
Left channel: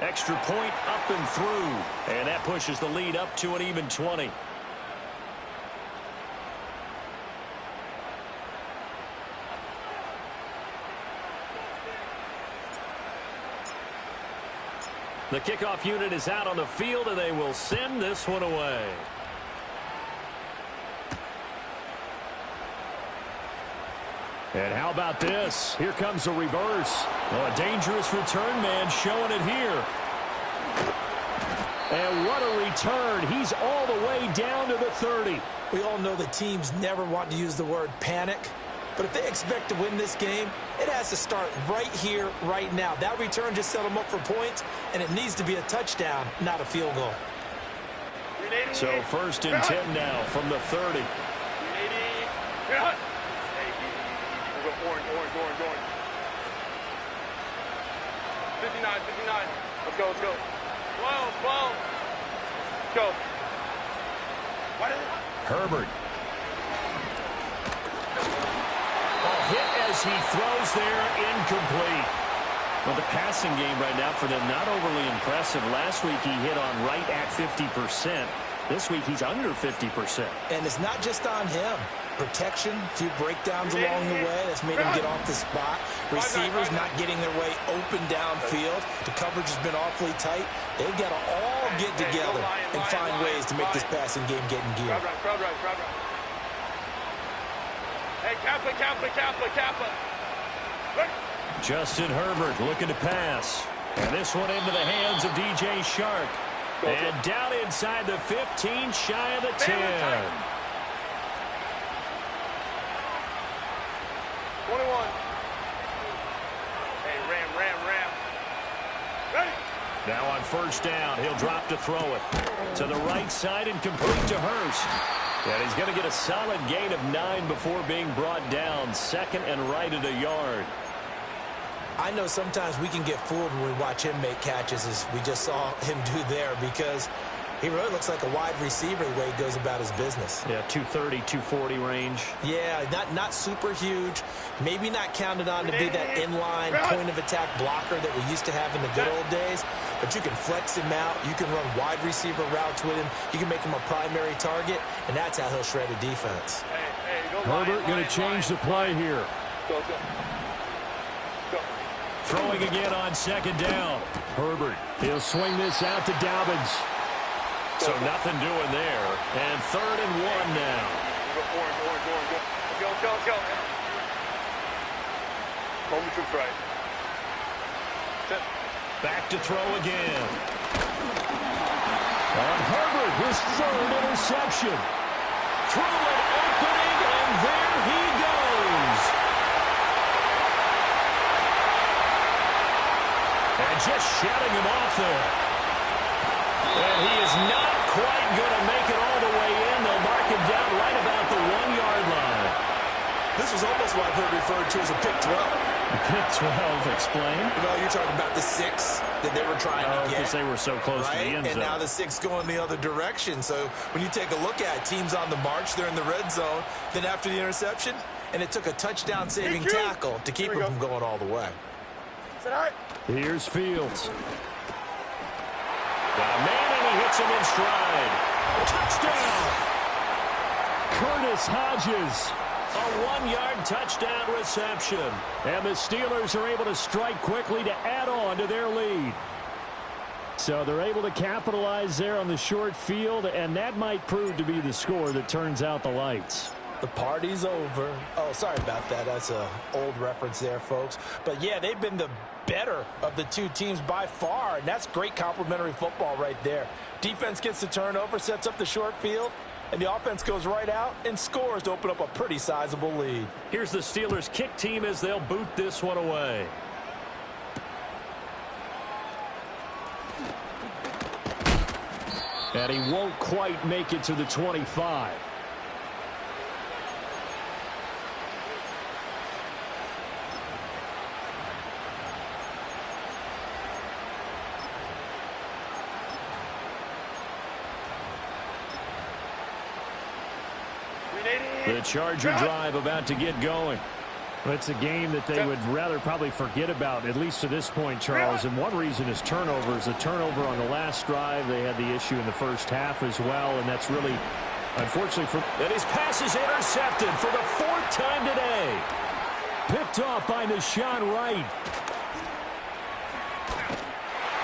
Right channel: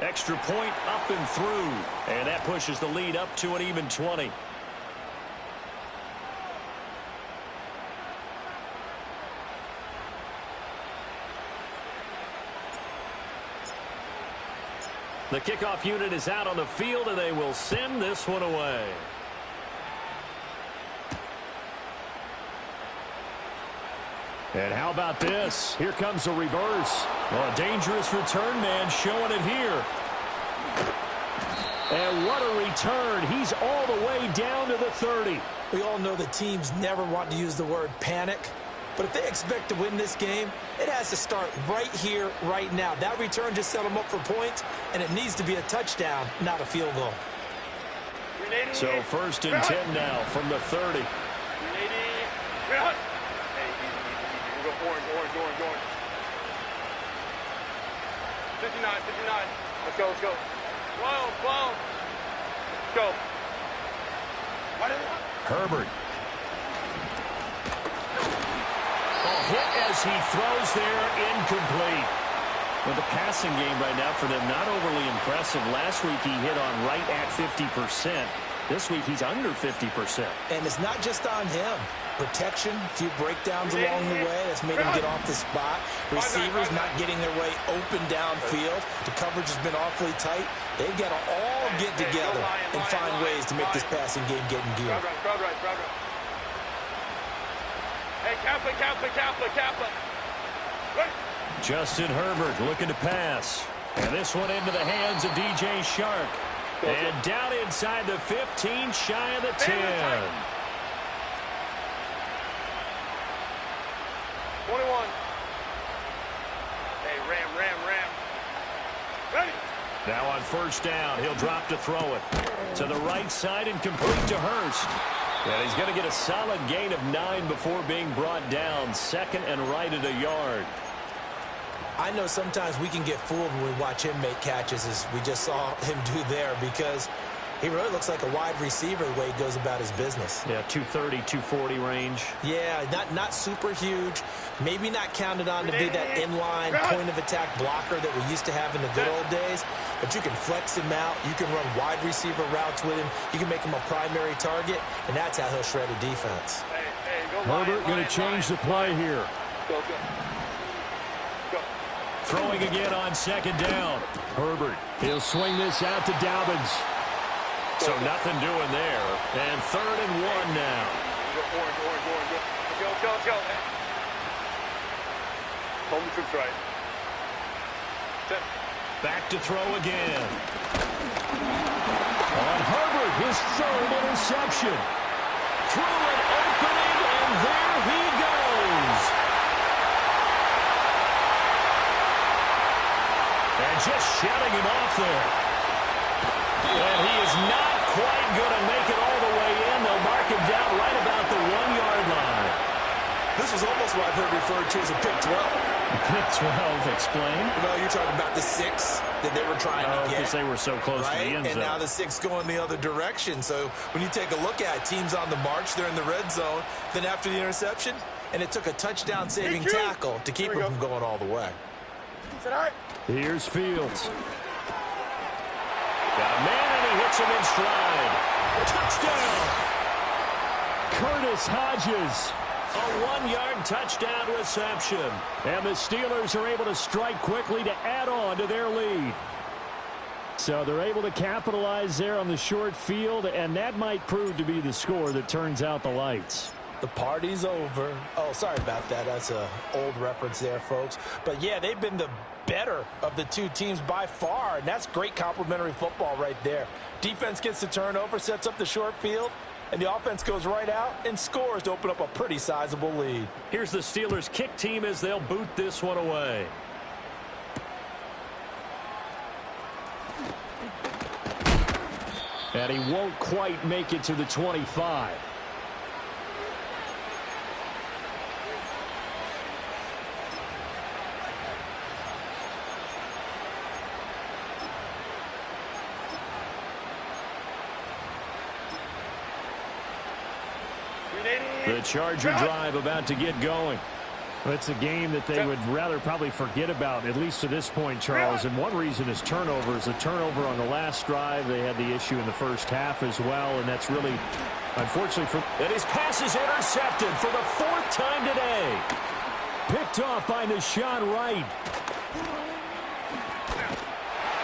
Extra point up and through, and that pushes the lead up to an even 20. The kickoff unit is out on the field, and they will send this one away. And how about this? Here comes a reverse. Oh, a dangerous return man showing it here. And what a return. He's all the way down to the 30. We all know the teams never want to use the word panic. But if they expect to win this game, it has to start right here, right now. That return just set them up for points, and it needs to be a touchdown, not a field goal. So 1st and 10 now from the 30. 380. Hey, easy. We'll go orange. 59. Let's go. 12. Let's go. Herbert. Hit as he throws there, incomplete. Well, the passing game right now for them, not overly impressive. Last week he hit on right at 50%. This week he's under 50%. And it's not just on him. Protection, a few breakdowns along the way. That's made him get off the spot. Receivers not getting their way open downfield. The coverage has been awfully tight. They've got to all get together and find ways to make this passing game get in gear. Crowd run. Hey, Kappa, Kappa, Kappa, Kappa. Ready? Justin Herbert looking to pass. And this one into the hands of DJ Shark. And down inside the 15, shy of the 10. 21. Hey, Ram. Ready? Now on first down, he'll drop to throw it. To the right side and complete to Hurst. And he's going to get a solid gain of 9 before being brought down. Second and right at a yard. I know sometimes we can get fooled when we watch him make catches, as we just saw him do there, because he really looks like a wide receiver the way he goes about his business. Yeah, 230, 240 range. Yeah, not super huge. Maybe not counted on to be that inline point-of-attack blocker that we used to have in the good old days, but you can flex him out. You can run wide receiver routes with him. You can make him a primary target, and that's how he'll shred a defense. Hey, go Herbert going to change the play here. Go. Throwing again on second down. Herbert, he'll swing this out to Dobbins. So nothing doing there. And 3rd and 1 now. Orange. Go. Home troops right. Back to throw again. On Herbert, his 3rd interception. Through an opening, and there he goes. And just shutting him off there. And he is not quite going to make it all the way in. They'll mark him down right about the 1-yard line. This was almost what I've heard referred to as a pick 12. Pick 12, explain. Well, you're talking about the 6 that they were trying to get. Because they were so close to the end zone. And now the 6 going the other direction. So when you take a look at teams on the march, they're in the red zone. Then after the interception, and it took a touchdown-saving tackle to keep him from going all the way. Is that all right? Here's Fields. Got a man, and he hits him in stride. Touchdown! Curtis Hodges. A 1-yard touchdown reception. And the Steelers are able to strike quickly to add on to their lead. So they're able to capitalize there on the short field, and that might prove to be the score that turns out the lights. The party's over. Oh, sorry about that. That's an old reference there, folks. But, yeah, they've been the better of the two teams by far, and that's great complimentary football right there. Defense gets the turnover, sets up the short field, and the offense goes right out and scores to open up a pretty sizable lead. Here's the Steelers kick team as they'll boot this one away. And he won't quite make it to the 25. The Charger drive about to get going. It's a game that they would rather probably forget about, at least to this point, Charles. And one reason is turnovers. The turnover on the last drive, they had the issue in the first half as well, and that's really, unfortunately, for. And his pass is intercepted for the 4th time today. Picked off by Nahshon Wright.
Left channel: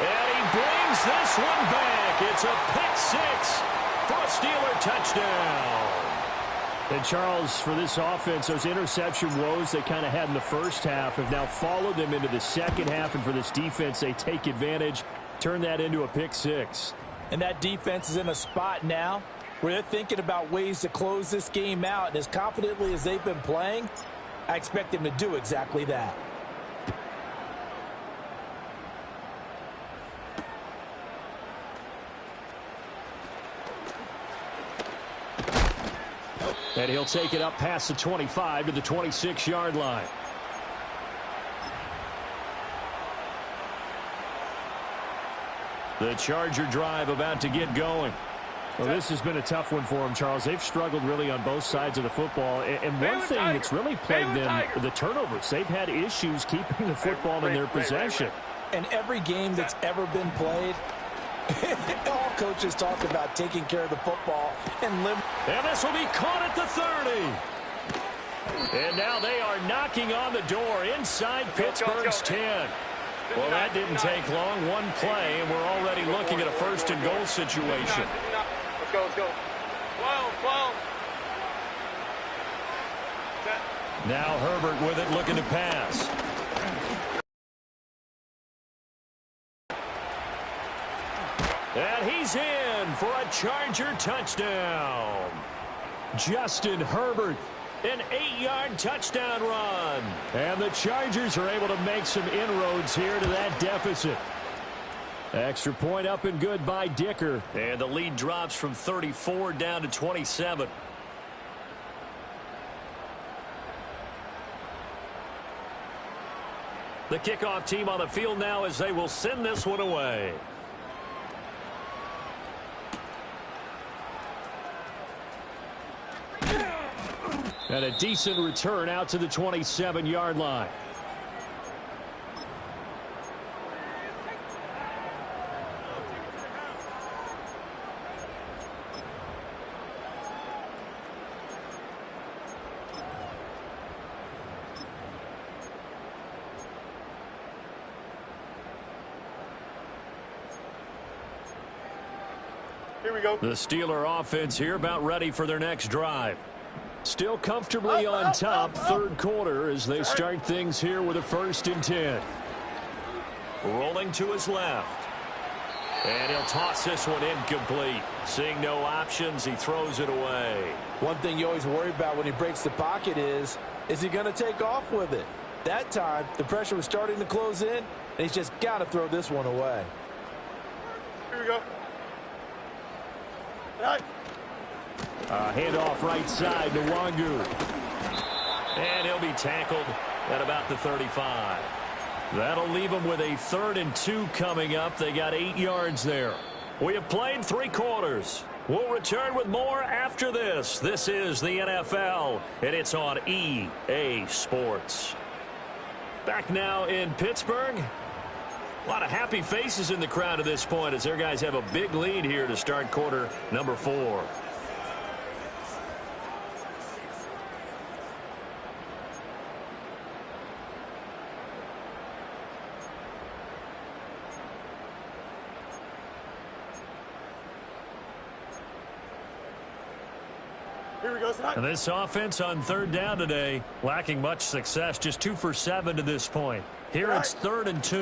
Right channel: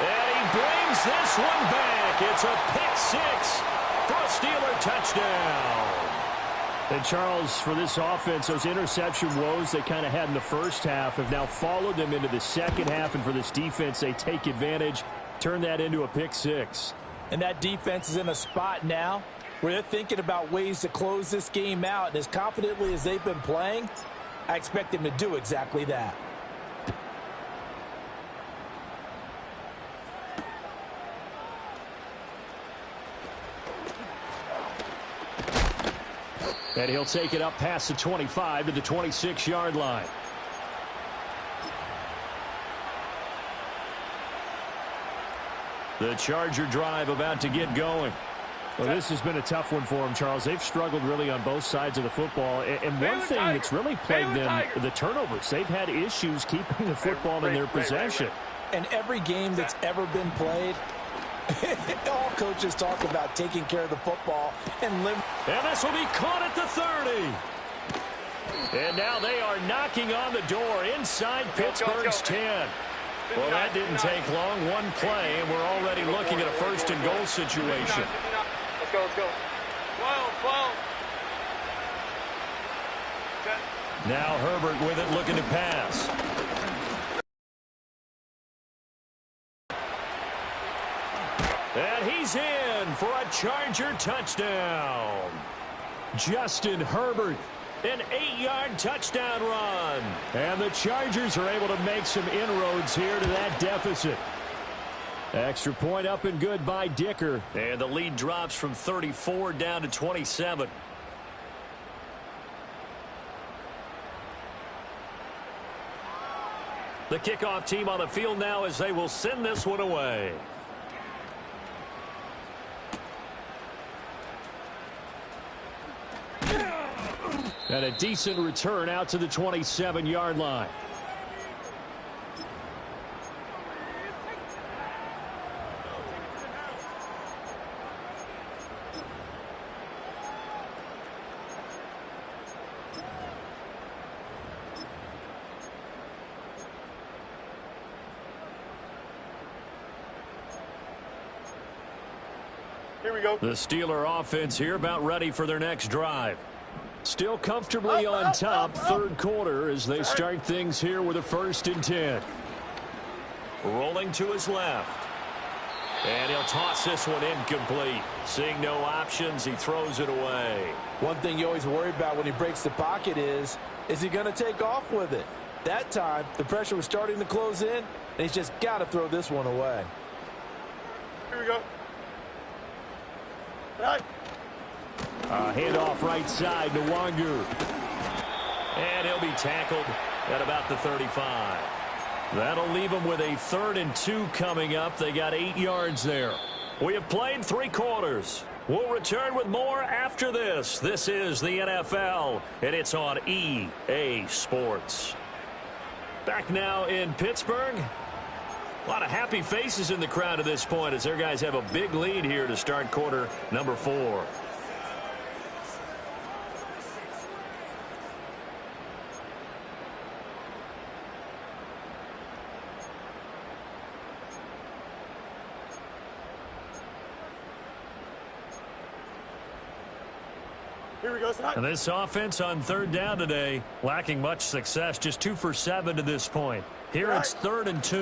And he brings this one back. It's a pick 6 for a Steeler touchdown. And, Charles, for this offense, those interception woes they kind of had in the first half have now followed them into the second half. And for this defense, they take advantage, turn that into a pick 6. And that defense is in a spot now where they're thinking about ways to close this game out. And as confidently as they've been playing, I expect them to do exactly that. And he'll take it up past the 25 to the 26-yard line. The Charger drive about to get going. Well, this has been a tough one for them, Charles. They've struggled really on both sides of the football. And one thing that's really plagued them, the turnovers. They've had issues keeping the football in their possession. And every game that's ever been played, all coaches talk about taking care of the football and live. And this will be caught at the 30. And now they are knocking on the door inside Pittsburgh's 10. Well, that didn't take long. One play, and we're already looking at a 1st and goal situation. Let's go. 12. Set. Now Herbert with it, looking to pass. And he's in for a Charger touchdown. Justin Herbert, an 8-yard touchdown run. And the Chargers are able to make some inroads here to that deficit. Extra point up and good by Dicker. And the lead drops from 34 down to 27. The kickoff team on the field now as they will send this one away. And a decent return out to the 27-yard line. Here we go. The Steeler offense here about ready for their next drive. Still comfortably on top, third quarter as they start things here with a 1st and 10. Rolling to his left. And he'll toss this one incomplete. Seeing no options, he throws it away. One thing you always worry about when he breaks the pocket is he going to take off with it? That time, the pressure was starting to close in, and he's just got to throw this one away. Here we go. Right. Handoff right side to Wangu. And he'll be tackled at about the 35. That'll leave them with a 3rd and 2 coming up. They got 8 yards there. We have played 3 quarters. We'll return with more after this. This is the NFL, and it's on EA Sports. Back now in Pittsburgh. A lot of happy faces in the crowd at this point as their guys have a big lead here to start quarter number 4. Here we go. And this offense on 3rd down today, lacking much success, just 2 for 7 to this point. Here it's 3rd and 2.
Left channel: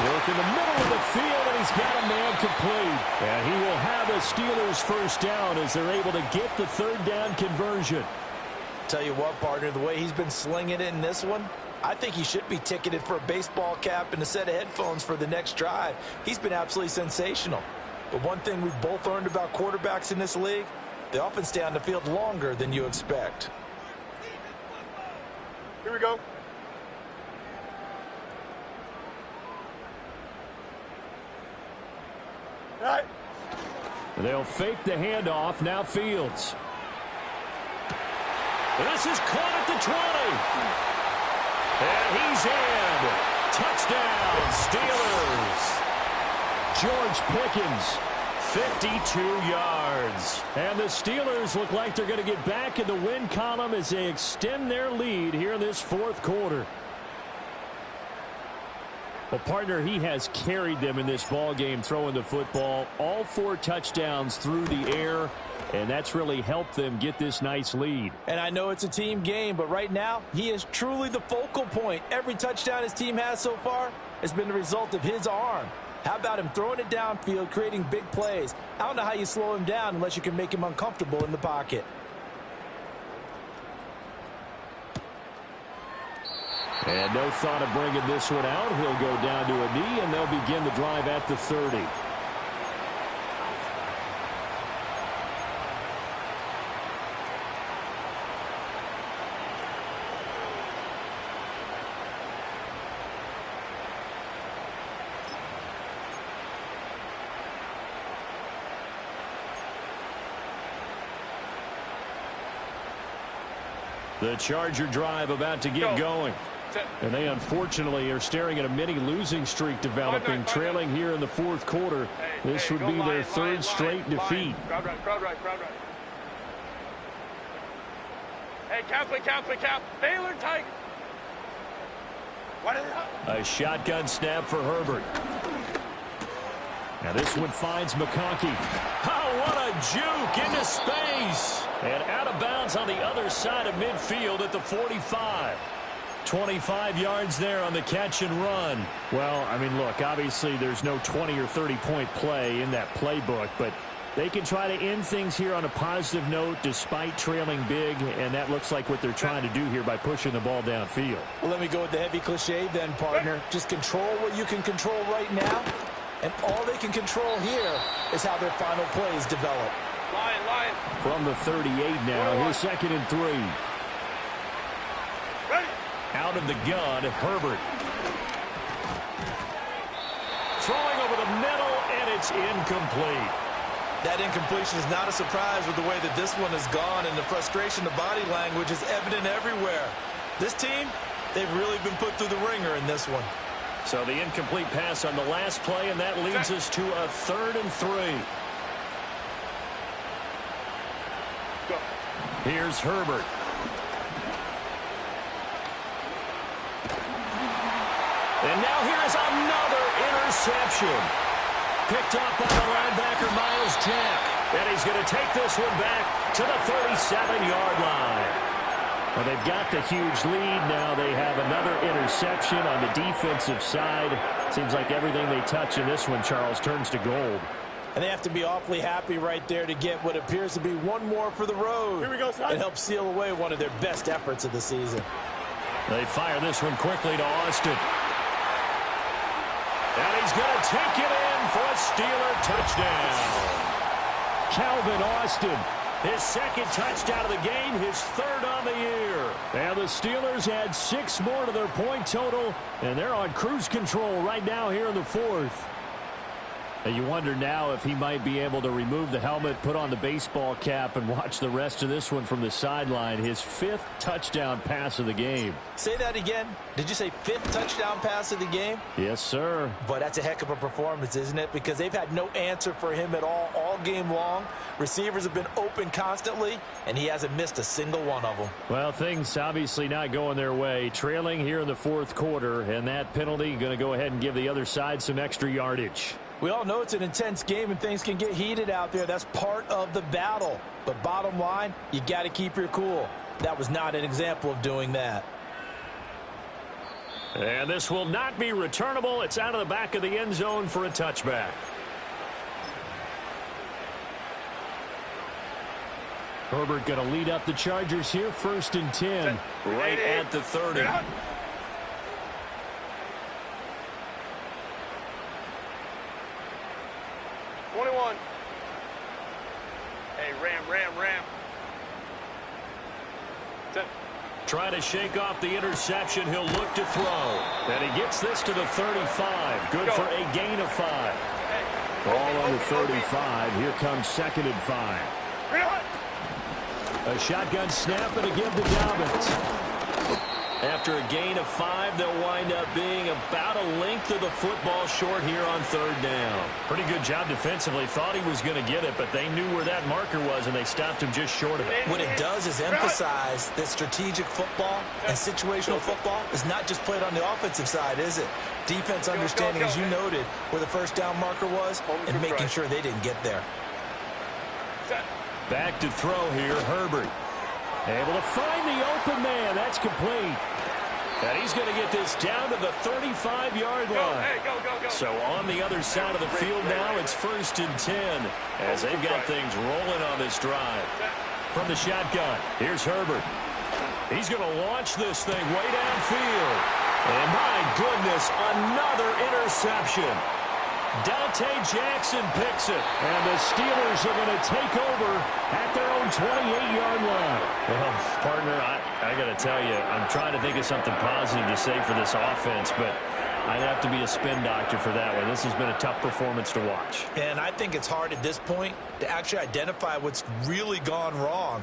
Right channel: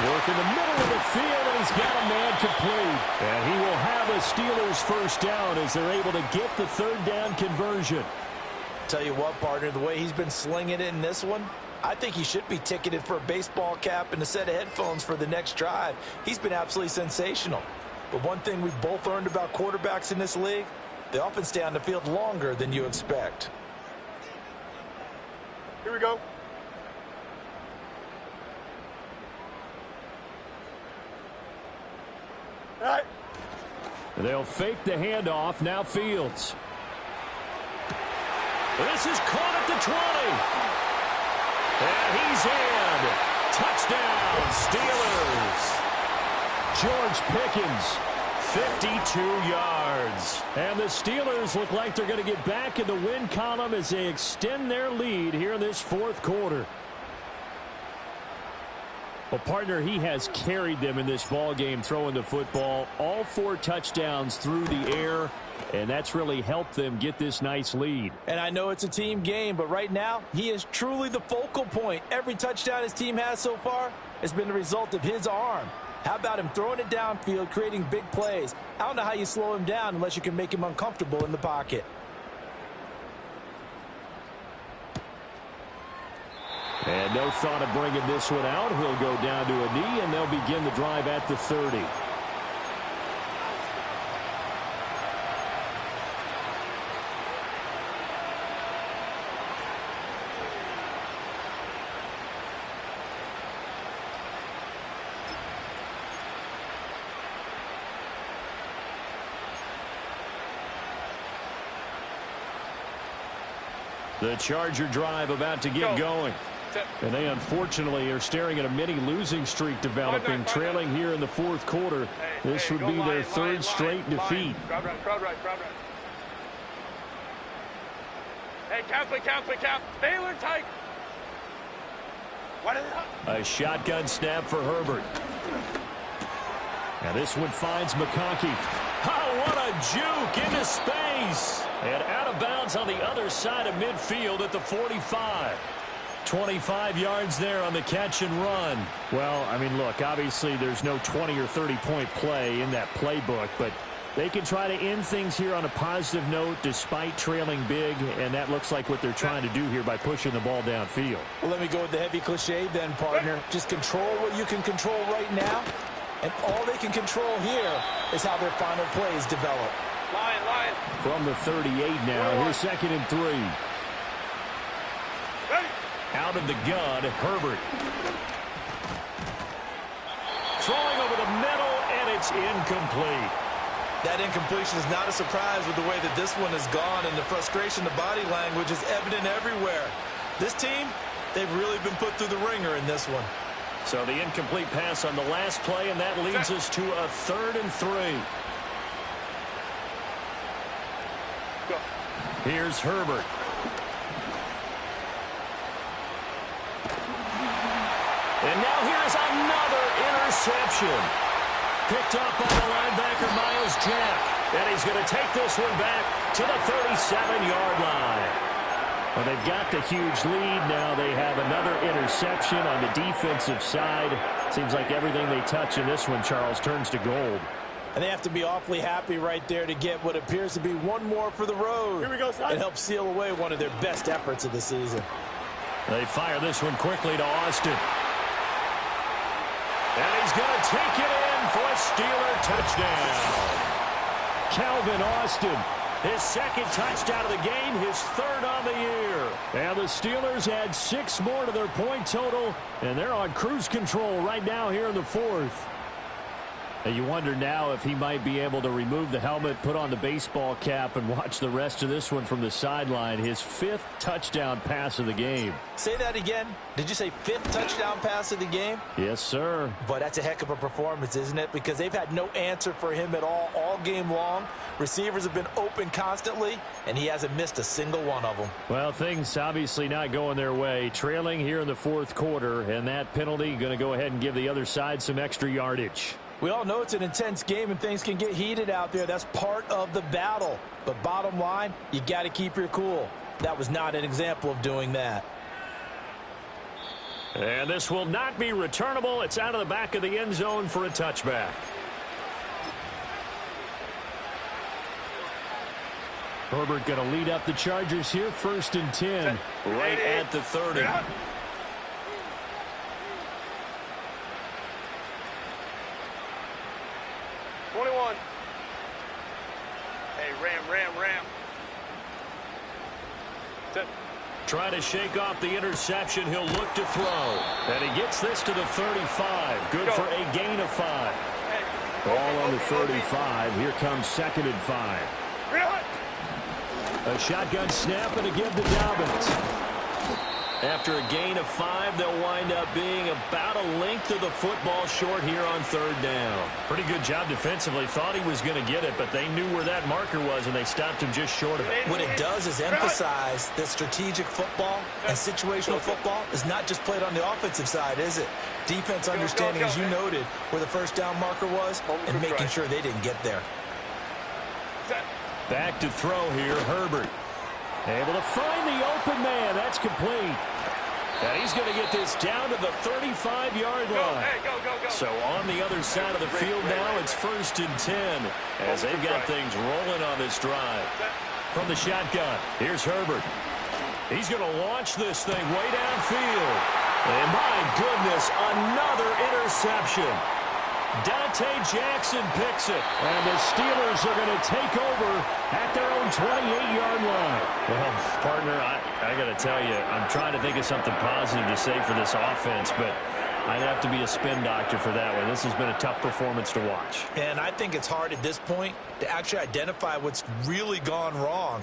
Work in the middle of the field, and he's got a man complete. And he will have a Steelers 1st down as they're able to get the 3rd down conversion. Tell you what, partner, the way he's been slinging it in this one, I think he should be ticketed for a baseball cap and a set of headphones for the next drive. He's been absolutely sensational. But one thing we've both learned about quarterbacks in this league, they often stay on the field longer than you expect. Here we go. All right. They'll fake the handoff. Now Fields. This is caught at the 20. And he's in. Touchdown, Steelers. George Pickens, 52 yards. And the Steelers look like they're going to get back in the win column as they extend their lead here in this 4th quarter. Well, partner, he has carried them in this ball game throwing the football. All 4 touchdowns through the air, and that's really helped them get this nice lead. And I know it's a team game, but right now, he is truly the focal point. Every touchdown his team has so far has been the result of his arm. How about him throwing it downfield, creating big plays? I don't know how you slow him down unless you can make him uncomfortable in the pocket. And no thought of bringing this one out. He'll go down to a knee, and they'll begin the drive at the 30. The Charger drive about to get going. And they unfortunately are staring at a mini losing streak developing, trailing here in the 4th quarter. This would be their 3rd straight defeat. Crowd right. Hey, cap. Baylor tight. A shotgun snap for Herbert. Now this one finds McConkey. Oh, what a juke into space. And out of bounds on the other side of midfield at the 45. 25 yards there on the catch and run. Well, I mean, look, obviously there's no 20 or 30-point play in that playbook, but they can try to end things here on a positive note despite trailing big, and that looks like what they're trying to do here by pushing the ball downfield. Well, let me go with the heavy cliche then, partner. Just control what you can control right now, and all they can control here is how their final plays develop. Line. From the 38 now, here's 2nd and 3. Ready. Out of the gun, Herbert. Throwing over the middle, and it's incomplete. That incompletion is not a surprise with the way that this one has gone, and the frustration, the body language is evident everywhere. This team, they've really been put through the ringer in this one. So the incomplete pass on the last play, and that leads us to a 3rd and 3. Go. Here's Herbert. And now here is another interception. Picked up by the linebacker, Miles Jack. And he's going to take this one back to the 37-yard line. Well, they've got the huge lead. Now they have another interception on the defensive side. Seems like everything they touch in this one, Charles, turns to gold. And they have to be awfully happy right there to get what appears to be one more for the road. Here we go, son. It helps seal away one of their best efforts of the season. They fire this one quickly to Austin. And he's going to take it in for a Steeler touchdown. Calvin Austin, his 2nd touchdown of the game, his 3rd on the year. And the Steelers add 6 more to their point total, and they're on cruise control right now here in the 4th. And you wonder now if he might be able to remove the helmet, put on the baseball cap, and watch the rest of this one from the sideline. His 5th touchdown pass of the game. Say that again. Did you say 5th touchdown pass of the game? Yes, sir. But that's a heck of a performance, isn't it? Because they've had no answer for him at all game long. Receivers have been open constantly, and he hasn't missed a single one of them. Well, things obviously not going their way. Trailing here in the 4th quarter, and that penalty going to go ahead and give the other side some extra yardage. We all know it's an intense game and things can get heated out there. That's part of the battle. But bottom line, you got to keep your cool. That was not an example of doing that. And this will not be returnable. It's out of the back of the end zone for a touchback. Herbert going to lead up the Chargers here, 1st and 10, right at the 30. 21. Hey, ram. Set. Try to shake off the interception. He'll look to throw. And he gets this to the 35. Good for a gain of 5. Hey. Ball on the 35. Here comes 2nd and 5. A shotgun snap and a give to Dobbins. After a gain of 5, they'll wind up being about a length of the football short here on 3rd down. Pretty good job defensively. Thought he was going to get it, but they knew where that marker was, and they stopped him just short of it. What it does is emphasize that strategic football and situational football is not just played on the offensive side, is it? Defense understanding, as you noted, where the 1st down marker was and making sure they didn't get there. Back to throw here, Herbert. Able to find the open man. That's complete. And he's going to get this down to the 35-yard line. Go. So on the other side of the field now, it's 1st and 10 as they've got things rolling on this drive. From the shotgun, here's Herbert. He's going to launch this thing way downfield. And my goodness, another interception. Dante Jackson picks it, and the Steelers are going to take over at their own 28-yard line. Well, partner, I got to tell you, I'm trying to think of something positive to say for this offense, but I'd have to be a spin doctor for that one. This has been a tough performance to watch. And I think it's hard at this point to actually identify what's really gone wrong.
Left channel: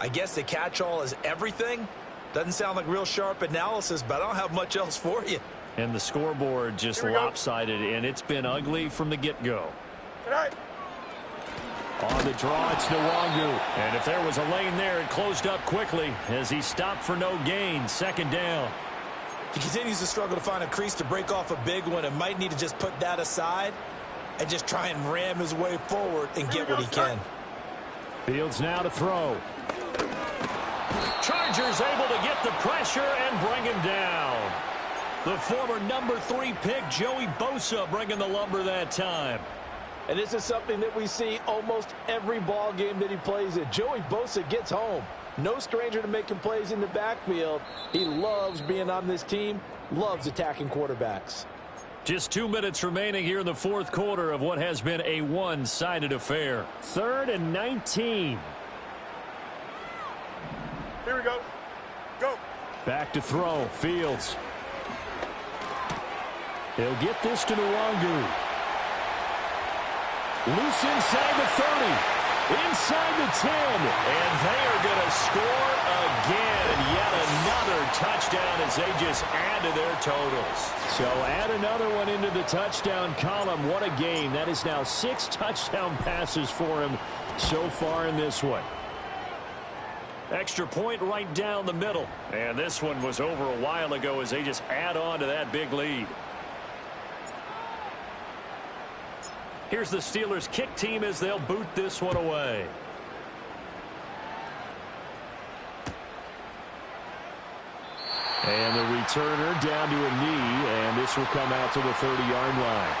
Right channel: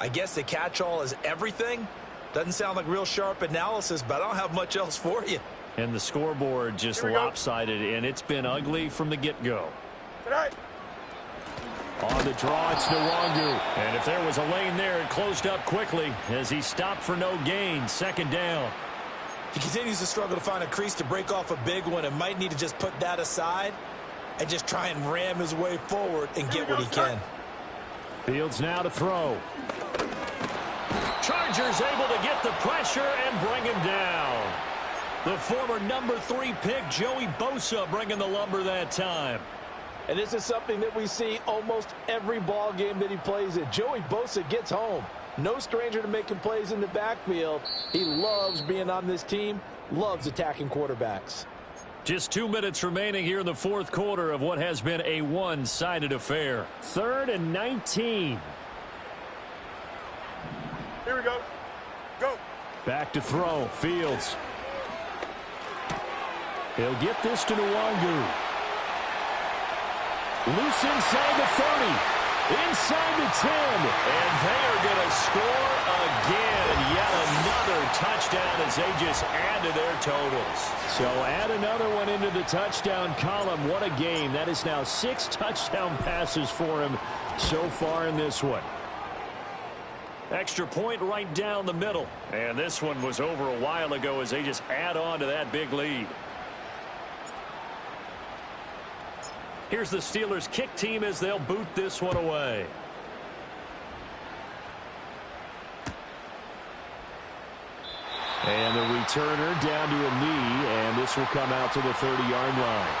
I guess the catch-all is everything. Doesn't sound like real sharp analysis, but I don't have much else for you. And the scoreboard just lopsided, and it's been ugly from the get-go. On the draw, it's Nwangu. And if there was a lane there, it closed up quickly as he stopped for no gain. 2nd down. He continues to struggle to find a crease to break off a big one and might need to just put that aside. and just try and ram his way forward and get what he can. Fields now to throw. Chargers able to get the pressure and bring him down. The former number 3 pick, Joey Bosa, bringing the lumber that time. And this is something that we see almost every ball game that he plays in. Joey Bosa gets home. No stranger to making plays in the backfield. He loves being on this team, loves attacking quarterbacks. Just 2 minutes remaining here in the fourth quarter of what has been a one-sided affair. 3rd and 19. Here we go. Go. Back to throw. Fields. He'll get this to Nwangu. Loose inside the 30. Inside the 10. And they are going to score again. Yet another touchdown as they just add to their totals. So add another one into the touchdown column. What a game. That is now 6 touchdown passes for him so far in this one. Extra point right down the middle. And this one was over a while ago as they just add on to that big lead. Here's the Steelers kick team as they'll boot this one away. And the returner down to a knee, and this will come out to the 30-yard line.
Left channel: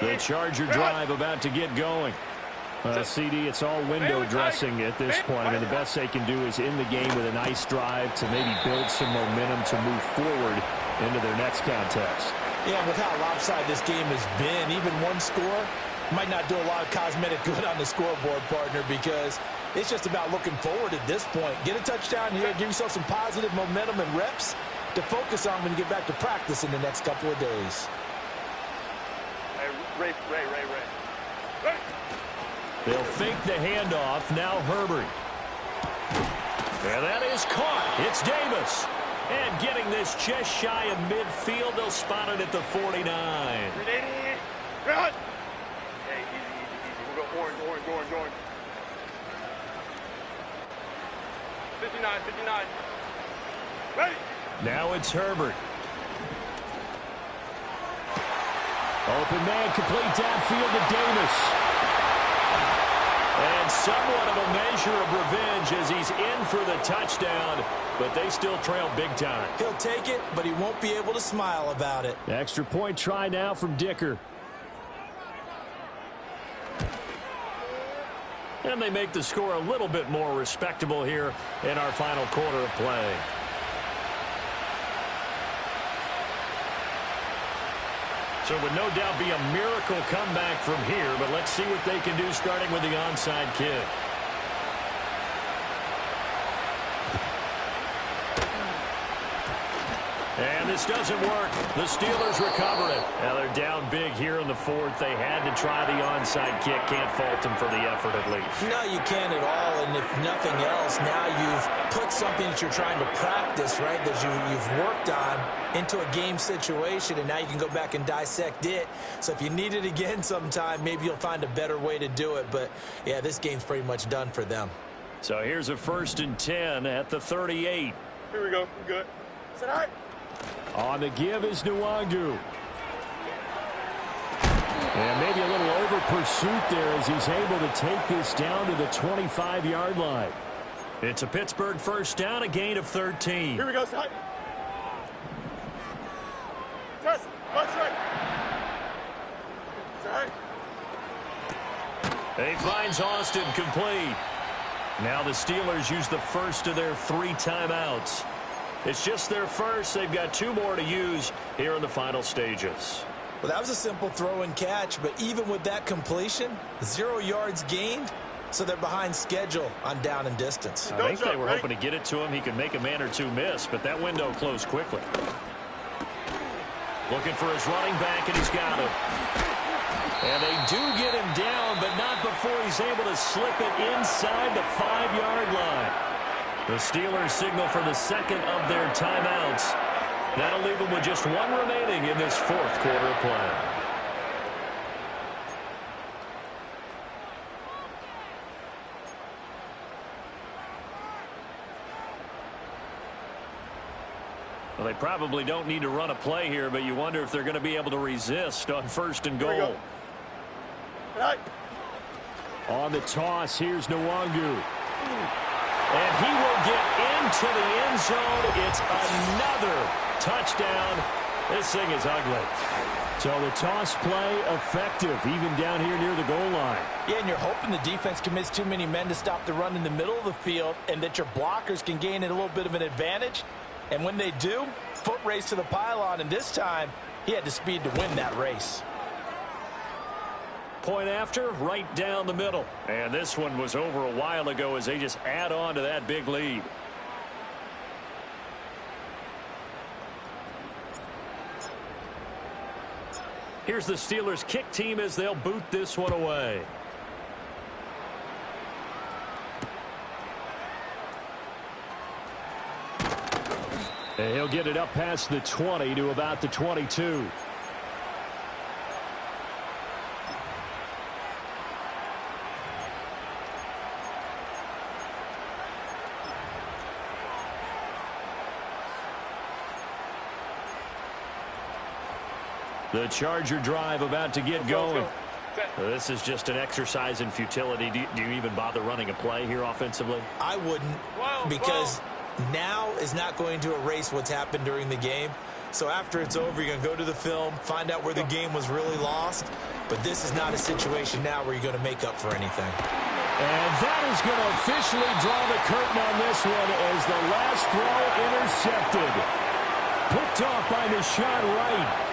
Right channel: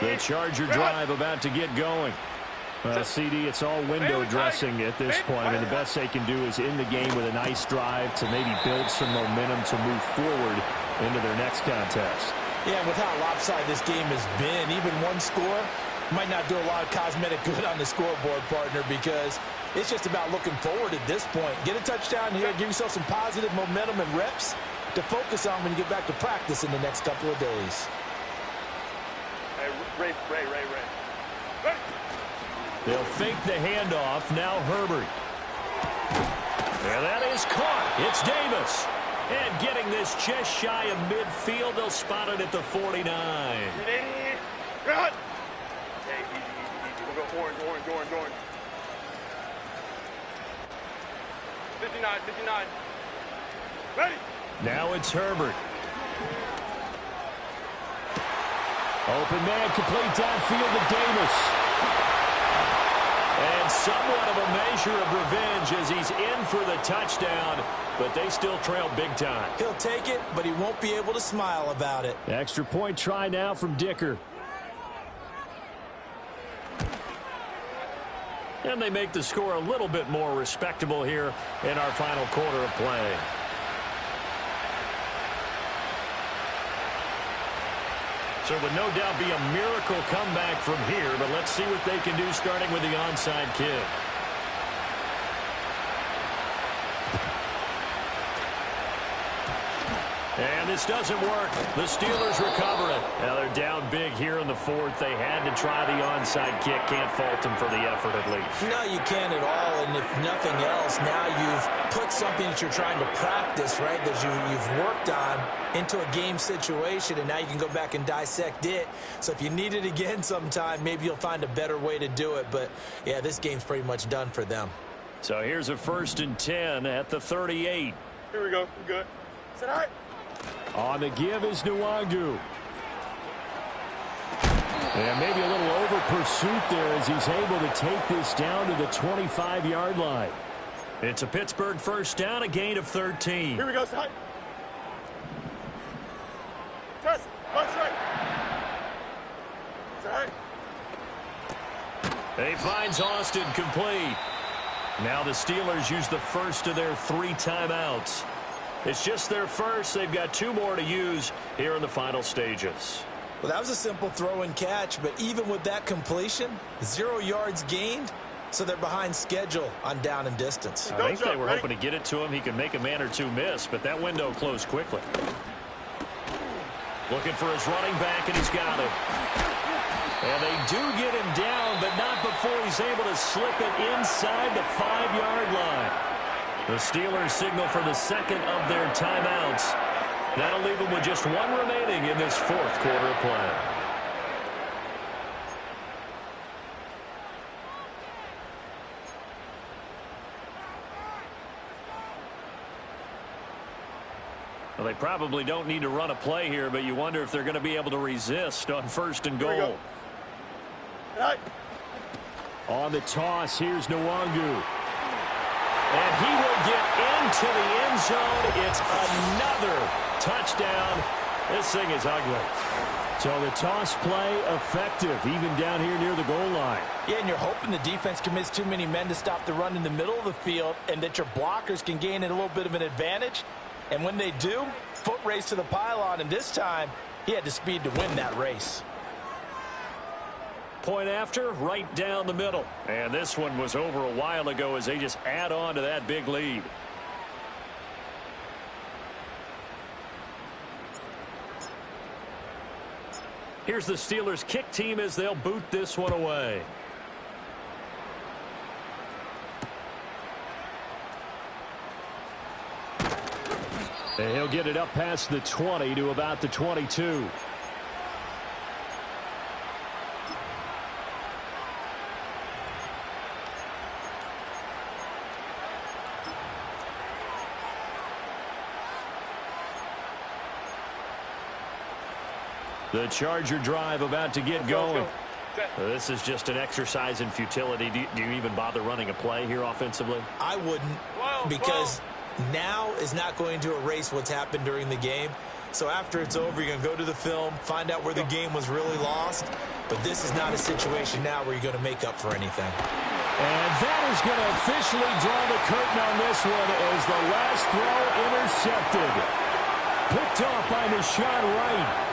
The Charger drive about to get going. CD, it's all window dressing at this point. I mean, the best they can do is in the game with a nice drive to maybe build some momentum to move forward into their next contest. Yeah, and with how lopsided this game has been, even one score might not do a lot of cosmetic good on the scoreboard, partner, because it's just about looking forward at this point. Get a touchdown here, give yourself some positive momentum and reps to focus on when you get back to practice in the next couple of days. Hey, Ray. They'll fake the handoff. Now Herbert. And that is caught. It's Davis. And getting this just shy of midfield. They'll spot it at the 49. 380. Run. Hey, easy. We'll go orange. 59. Ready. Now it's Herbert. Open man, complete downfield to Davis. And somewhat of a measure of revenge as he's in for the touchdown, but they still trail big time. He'll take it, but he won't be able to smile about it. Extra point try now from Dicker. And they make the score a little bit more respectable here in our final quarter of play. So it would no doubt be a miracle comeback from here, but let's see what they can do starting with the onside kick. And this doesn't work. The Steelers recover it. Now they're down big here in the fourth. They had to try the onside kick. Can't fault them for the effort at least. No, you can't at all. And if nothing else, now you've put something that you're trying to practice, right, that you've worked on into a game situation, and now you can go back and dissect it. So if you need it again sometime, maybe you'll find a better way to do it. But, yeah, this game's pretty much done for them. So here's a 1st and 10 at the 38. Here we go. We're good. Is that all right? On the give is Nwangu. And maybe a little over pursuit there as he's able to take this down to the 25-yard line. It's a Pittsburgh first down, a gain of 13. Here we go, side. Test. Punch right. Side. He finds Austin complete. Now the Steelers use the first of their 3 timeouts. It's just their first. They've got 2 more to use here in the final stages. Well, that was a simple throw and catch, but even with that completion, 0 yards gained, so they're behind schedule on down and distance. I think they were hoping to get it to him. He could make a man or 2 miss, but that window closed quickly. Looking for his running back, and he's got him. And they do get him down, but not before he's able to slip it inside the 5-yard line. The Steelers signal for the second of their timeouts. That'll leave them with just 1 remaining in this fourth quarter of play. Well, they probably don't need to run a play here, but you wonder if they're going to be able to resist on 1st and goal. Right. On the toss, here's Nwangu. And he will get into the end zone. It's another touchdown. This thing is ugly. So the toss play effective, even down here near the goal line. Yeah, and you're hoping the defense commits too many men to stop the run in the middle of the field and that your blockers can gain a little bit of an advantage. And when they do, foot race to the pylon, and this time he had the speed to win that race. Point after, right down the middle. And this one was over a while ago as they just add on to that big lead. Here's the Steelers' kick team as they'll boot this one away. And he'll get it up past the 20 to about the 22. The Charger drive about to get going. This is just an exercise in futility. Do you even bother running a play here offensively? I wouldn't, because now is not going to erase what's happened during the game. So after it's over, you're going to go to the film, find out where the game was really lost. But this is not a situation now where you're going to make up for anything. And that is going to officially draw the curtain on this one as the last throw intercepted. Picked off by Nahshon Wright.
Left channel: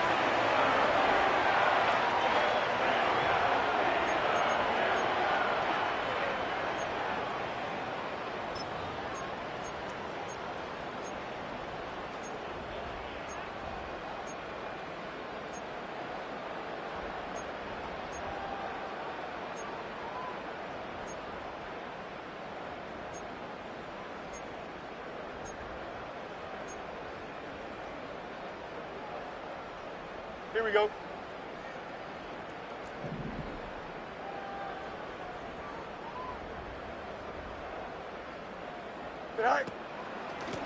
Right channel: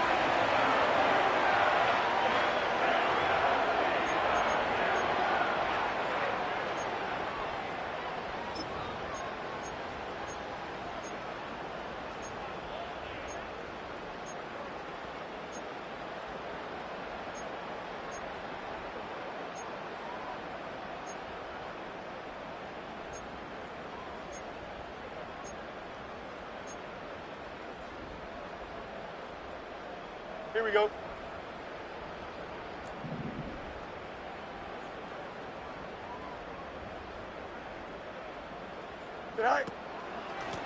Here we go. Right.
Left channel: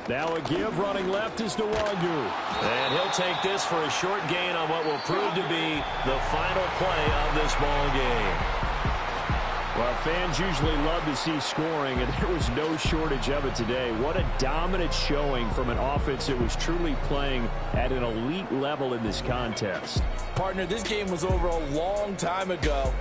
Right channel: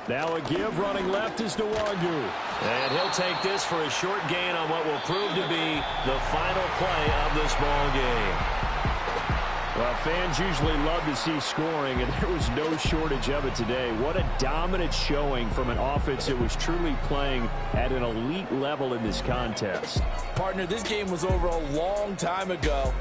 Now a give, running left is Nwangu. And he'll take this for a short gain on what will prove to be the final play of this ball game. Well, fans usually love to see scoring, and there was no shortage of it today. What a dominant showing from an offense that was truly playing at an elite level in this contest. Partner, this game was over a long time ago,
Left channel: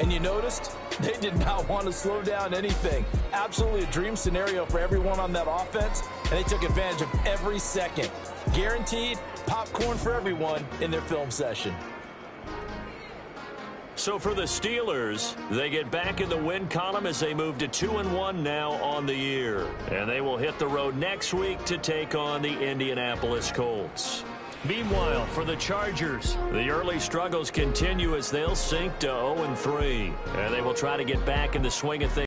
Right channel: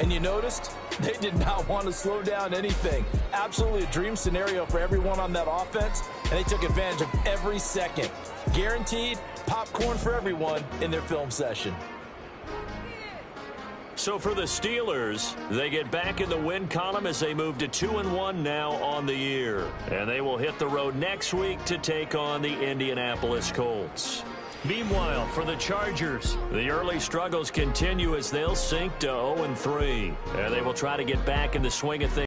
and you noticed they did not want to slow down anything. Absolutely a dream scenario for everyone on that offense, and they took advantage of every second. Guaranteed popcorn for everyone in their film session. So for the Steelers, they get back in the win column as they move to 2-1 now on the year. And they will hit the road next week to take on the Indianapolis Colts. Meanwhile, for the Chargers, the early struggles continue as they'll sink to 0-3. And they will try to get back in the swing of things.